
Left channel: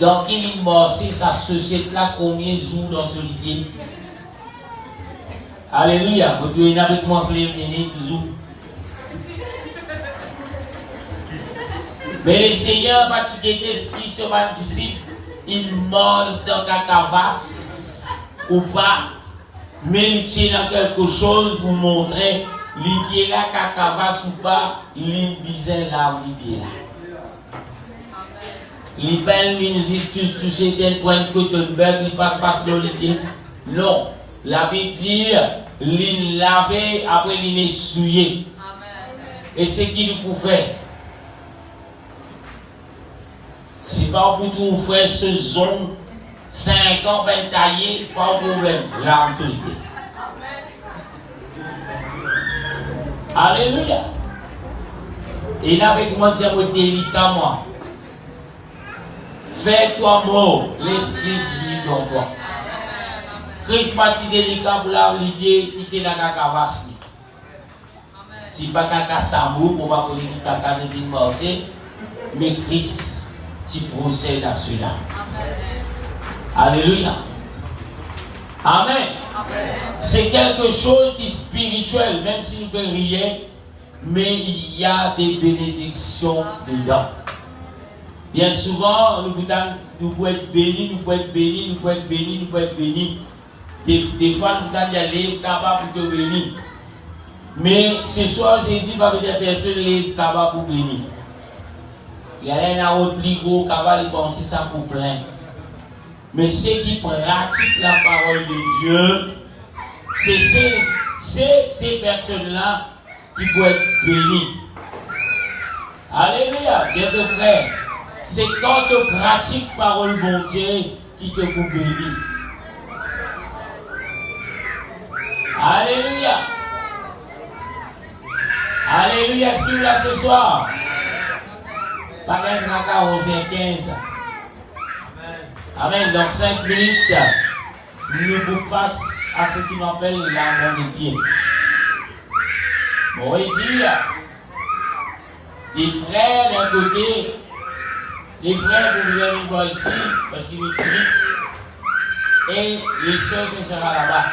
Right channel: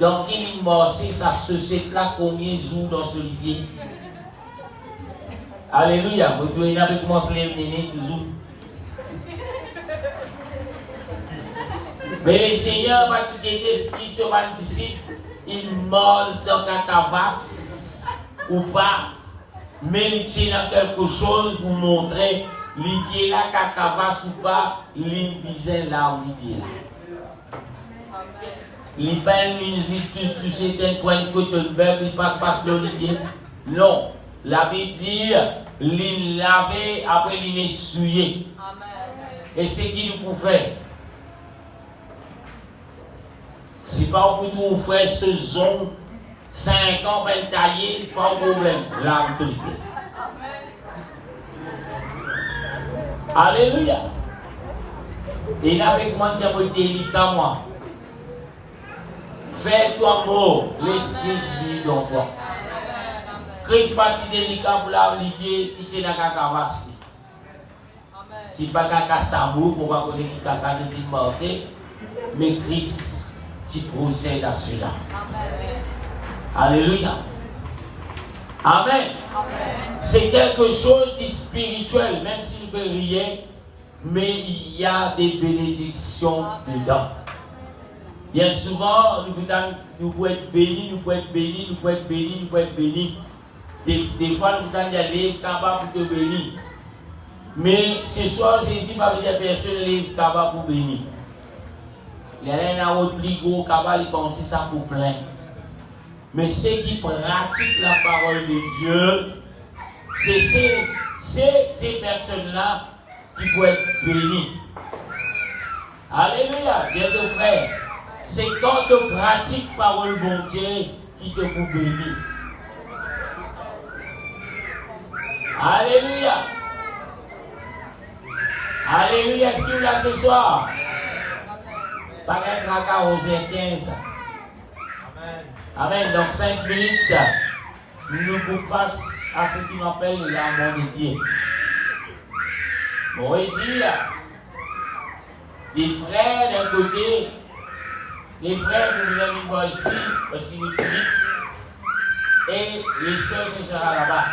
Donc il m'a aussi sa société là combien de jours dans ce pied. Alléluia. Vous devez avec moi se lever toujours. Mais le Seigneur, parce qu'il est esprit sur ma disciple, il mange dans la cavasse ou pas, mais il tient dans quelque chose pour montrer l'idée là, la cavasse ou pas, l'imbiser là, l'idée là. Les peines, les excuses, tout c'était un point de côté de beurre, il ne passe pas sur l'idée. Non. La Bible dit, l'île lavé, après l'île essuyé. Et c'est qui nous peut faire. Si par pour tout faire ce zone, 5 ans, ben taillé, pas de problème. L'arme solitaire. Alléluia. Et là, avec moi, dire délicat, moi. Fais-toi mort, laisse-les chier dans toi. Christ parti délicat pour la olivier, qui tient la cacahuassi. Si pas caca samou, on va connaître qui caca de divorcer, mais Christ, tu procèdes à cela. Alléluia. Amen. C'est quelque chose qui est spirituel, même si nous ne faisons rien, mais il y a des bénédictions dedans. Bien souvent, nous pouvons être bénis, nous pouvons être bénis, nous pouvons être bénis, nous pouvons être bénis. Des fois, nous pouvons être capables de bénir. Mais ce soir, Jésus va vous dire personne n'est capable de bénir. Il y a un autre ligo capable de penser ça pour plein. Mais ceux qui pratiquent la parole de Dieu, c'est ces personnes-là qui peuvent être bénies. Alléluia, Dieu te frère. C'est quand tu pratiques la parole de Dieu qui te peut bénir. Alléluia. Alléluia, est-ce qu'il est là ce soir? Par exemple, à 11h15. Amen. Dans 5 minutes, nous vous passons à ce qu'on appelle la mort des pieds. On va dire, des frères d'un côté, les frères que vous allez voir ici, parce qu'ils nous tirent, et les sœurs, ce sera là-bas.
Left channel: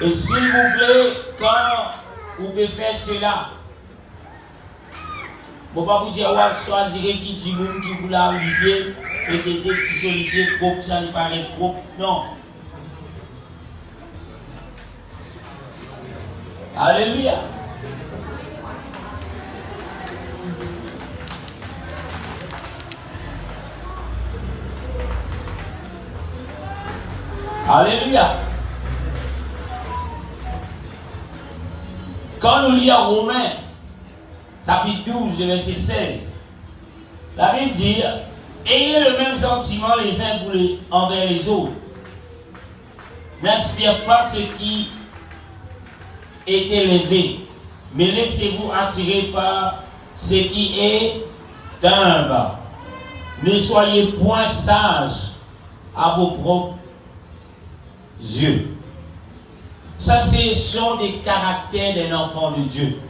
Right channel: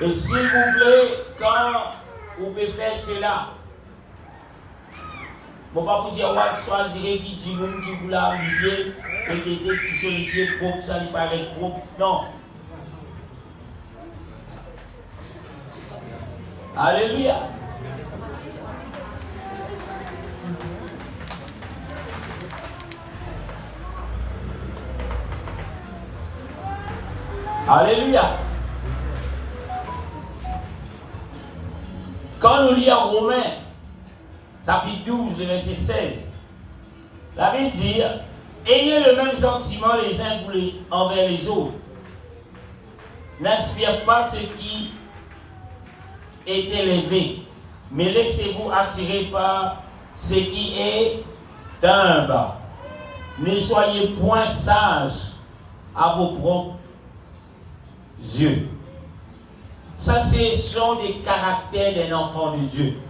Et s'il vous plaît, quand vous pouvez faire cela, je ne vais pas vous dire, vous choisirez qui dit qui vous l'a oublié, et qui était si solitaire, pour ça lui paraît trop. Non. Alléluia. Alléluia. Quand nous lisons Romains, chapitre 12, verset 16, la Bible dit, ayez le même sentiment les uns envers les autres. N'inspirez pas ce qui est élevé, mais laissez-vous attirer par ce qui est humble. Ne soyez point sages à vos propres yeux. Ça, ce sont des caractères d'un enfant de Dieu.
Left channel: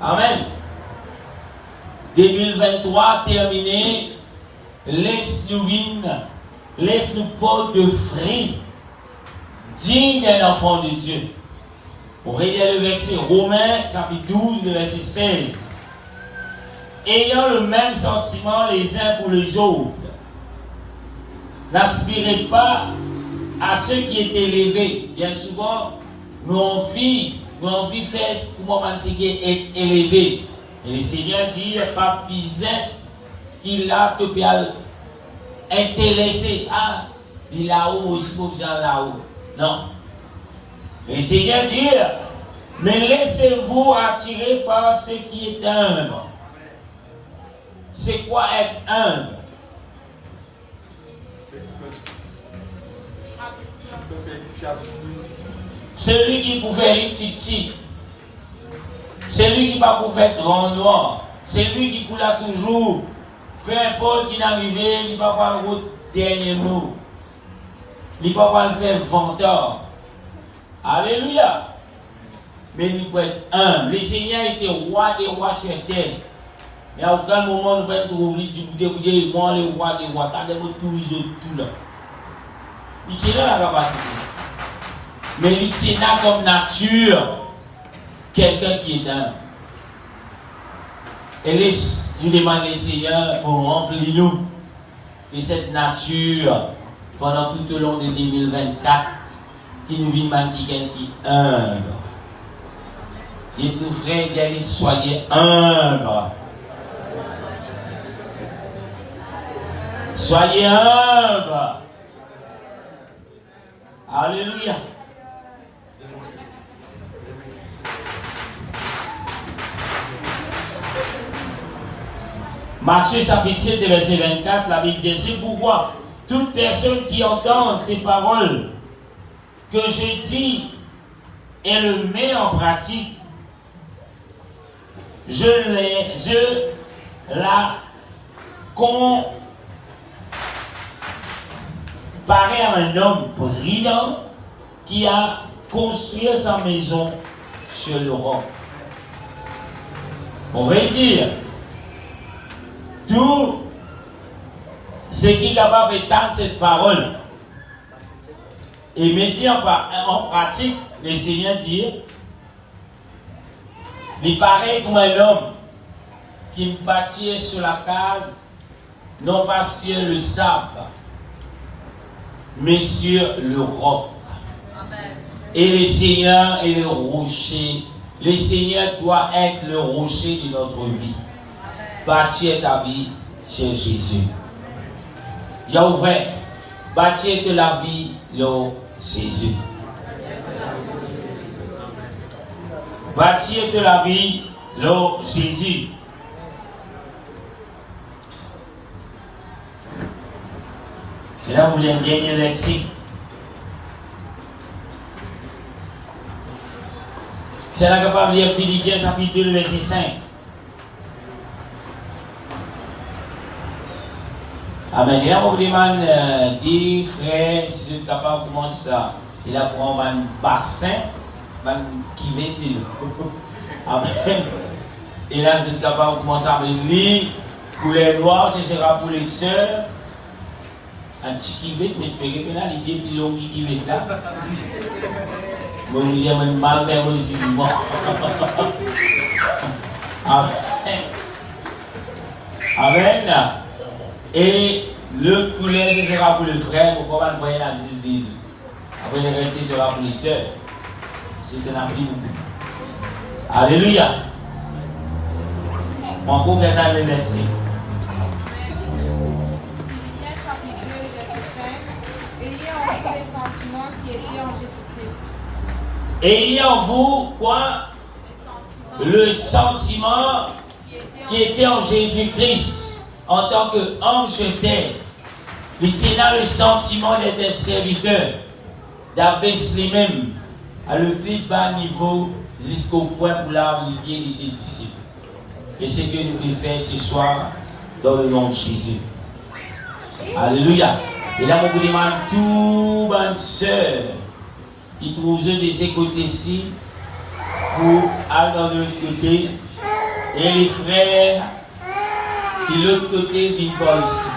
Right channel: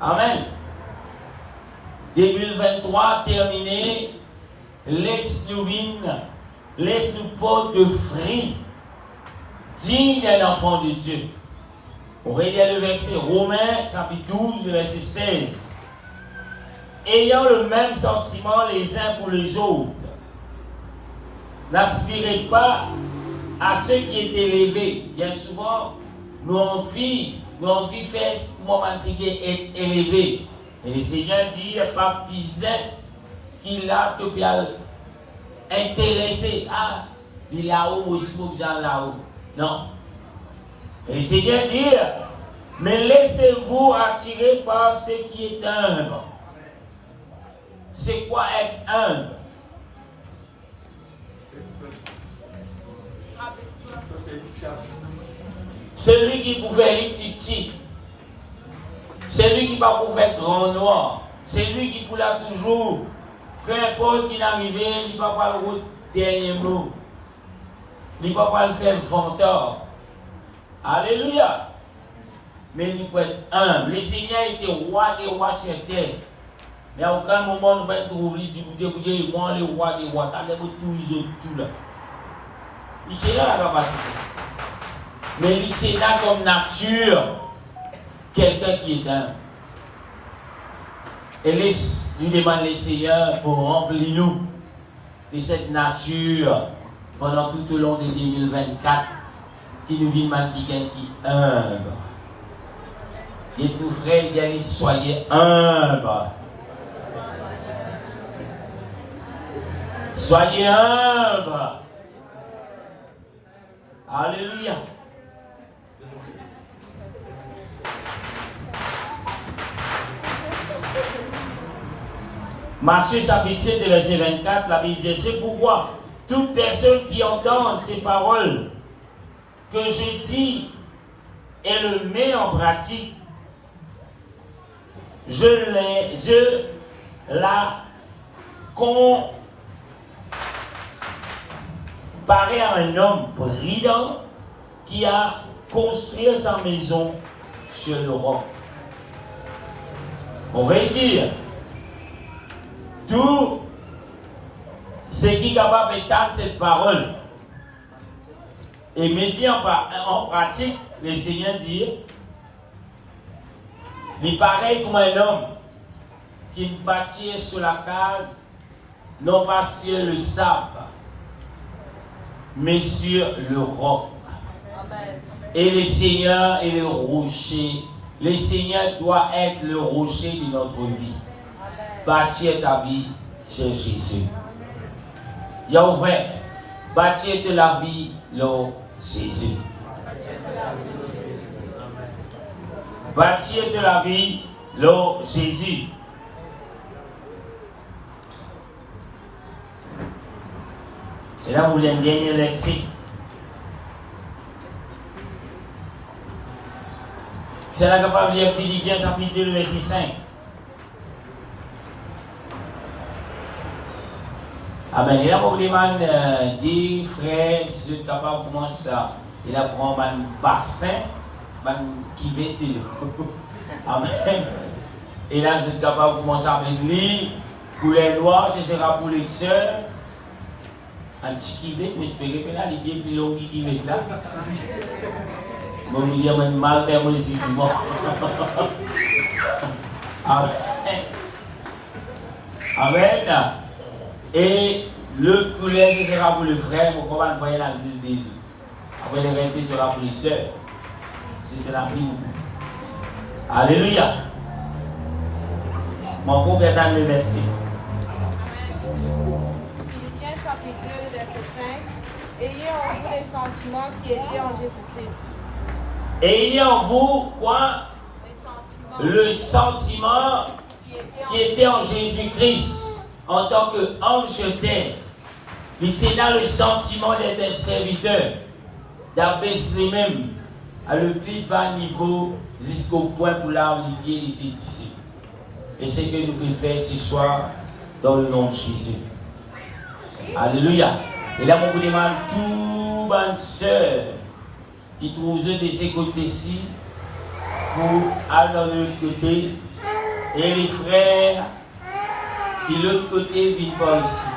Amen. 2023 terminé. Laisse-nous porter de fruits dignes d'un enfant de Dieu. Pour aider le verset Romains, chapitre 12, verset 16. Ayant le même sentiment les uns pour les autres. N'aspirez pas à ce qui est élevé. Bien souvent, nous envie faire ce qui est élevé. Et le Seigneur dit, pas piser qu'il a tout bien intéressé. Ah, il est là-haut, aussi pour bien là-haut. Non. Et le Seigneur dit, mais laissez-vous attirer par ce qui est humble. C'est quoi être humble? Celui qui pouvait être petit, celui qui va pouvoir être grand noir, celui qui pourra toujours, peu importe qui n'arrive, il ne va pas le dernier mot, il ne va pas le faire venteur. Alléluia. Mais il peut être humble. Le Seigneur était roi des rois sur terre. Mais à aucun moment nous pouvons trouver, il moi le roi des rois, quand tout là. Il tient là la capacité. Mais il tient là comme nature quelqu'un qui est humble. Et il demande le Seigneur pour remplir nous de cette nature pendant tout au long de 2024 qui nous vit mal qui est humble. Et tout frère, il dit soyez humble. Soyez humble. Alléluia. Matthieu chapitre 7, verset 24, la Bible dit, c'est pourquoi toute personne qui entend ces paroles que je dis et le met en pratique, je la comparais à un homme prudent qui a construit sa maison sur le roc. On va dire, tout ce qui est capable d'étendre cette parole et mettre en pratique, le Seigneur dit, il paraît comme un homme qui bâtit sur la case, non pas sur le sable, mais sur le roc. Amen. Et le Seigneur est le rocher. Le Seigneur doit être le rocher de notre vie. Bâtir ta vie chez Jésus. Dis au vrai, bâtir de la vie, le Jésus. Bâtir de la vie, le Jésus. Et là, vous voulez gagner le lexique. C'est là capable de lire Philippiens chapitre 2, verset 5. Amen. Et là, vous demandez, dit, frère, si vous êtes capable de commencer ça, il a pris un bassin, qui vient de Amen. Et là, vous êtes capable de commencer avec lui. Couleur noire, ce sera pour les sœurs. Un petit qui vient, mais j'espère que les pieds plus longs qui viennent là. Je vais vous dire, même mal faire mon ici. Amen. Amen. Et le couleur, ce sera pour le frère, pour comment voyer la visite des yeux. Après, le reste, ce sera pour les sœurs. C'est un appli beaucoup. Alléluia. Mon pauvre est dans le verset. Philippiens chapitre 2, verset 5. Ayez en vous les sentiments qui étaient en Jésus-Christ. Ayez en vous quoi? Le sentiment qui était en Jésus-Christ en tant qu'homme sur terre. Il était dans le sentiment d'être un serviteur, d'abaisser les mêmes à le plus bas niveau jusqu'au point pour l'enlever de ses disciples. Et c'est ce que nous pouvons faire ce soir dans le nom de Jésus. Alléluia. Et là, je vous demande tout bonne sœur qui trouve de ces côtés-ci pour aller dans l'autre côté. Et les frères qui de l'autre côté viennent par ici.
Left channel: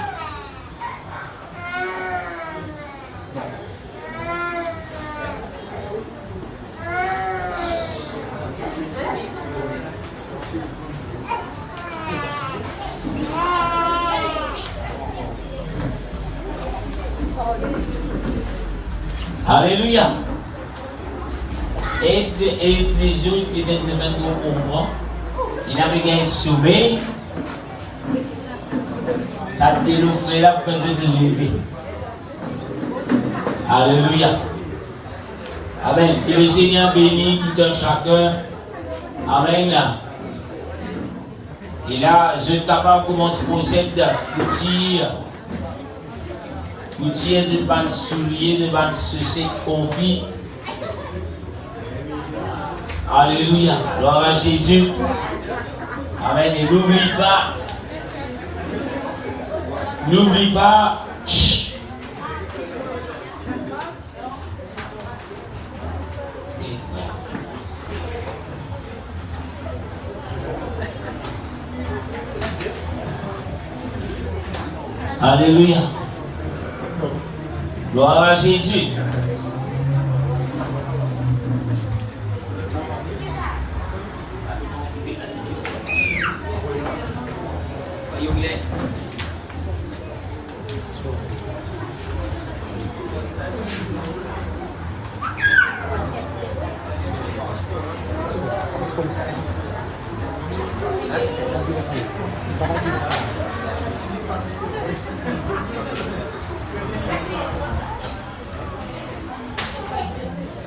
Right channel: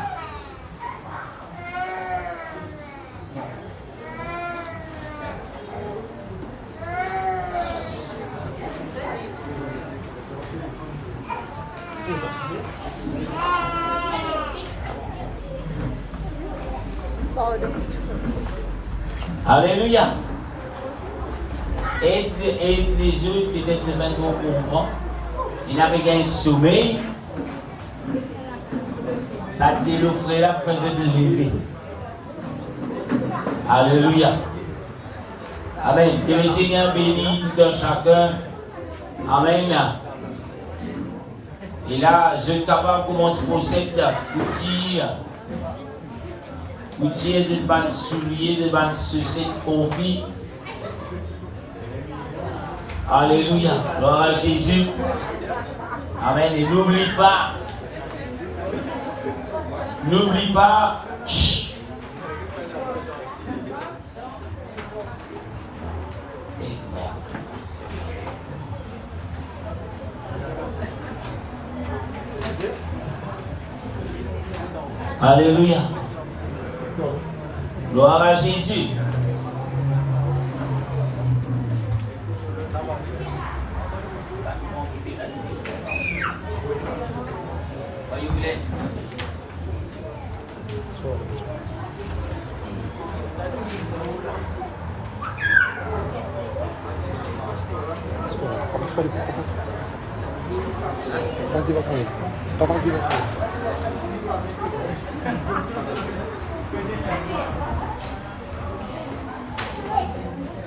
Alléluia. Et les autres, peut-être c'est un gros pour moi. Il avait un sommeil. Ça te l'offrait là pour faire de lever. Alléluia. Amen. Que le Seigneur bénisse tout un chacun. Amen. Et là, je suis capable de commencer à posséder pour tirer des bandes souliers, des bandes soucis, confits. Alléluia. Gloire à Jésus. Amen. Et n'oublie pas. N'oublie pas. Alléluia. Gloire à Jésus.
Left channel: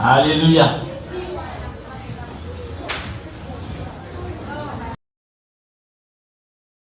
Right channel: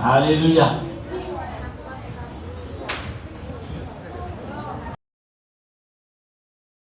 Alléluia.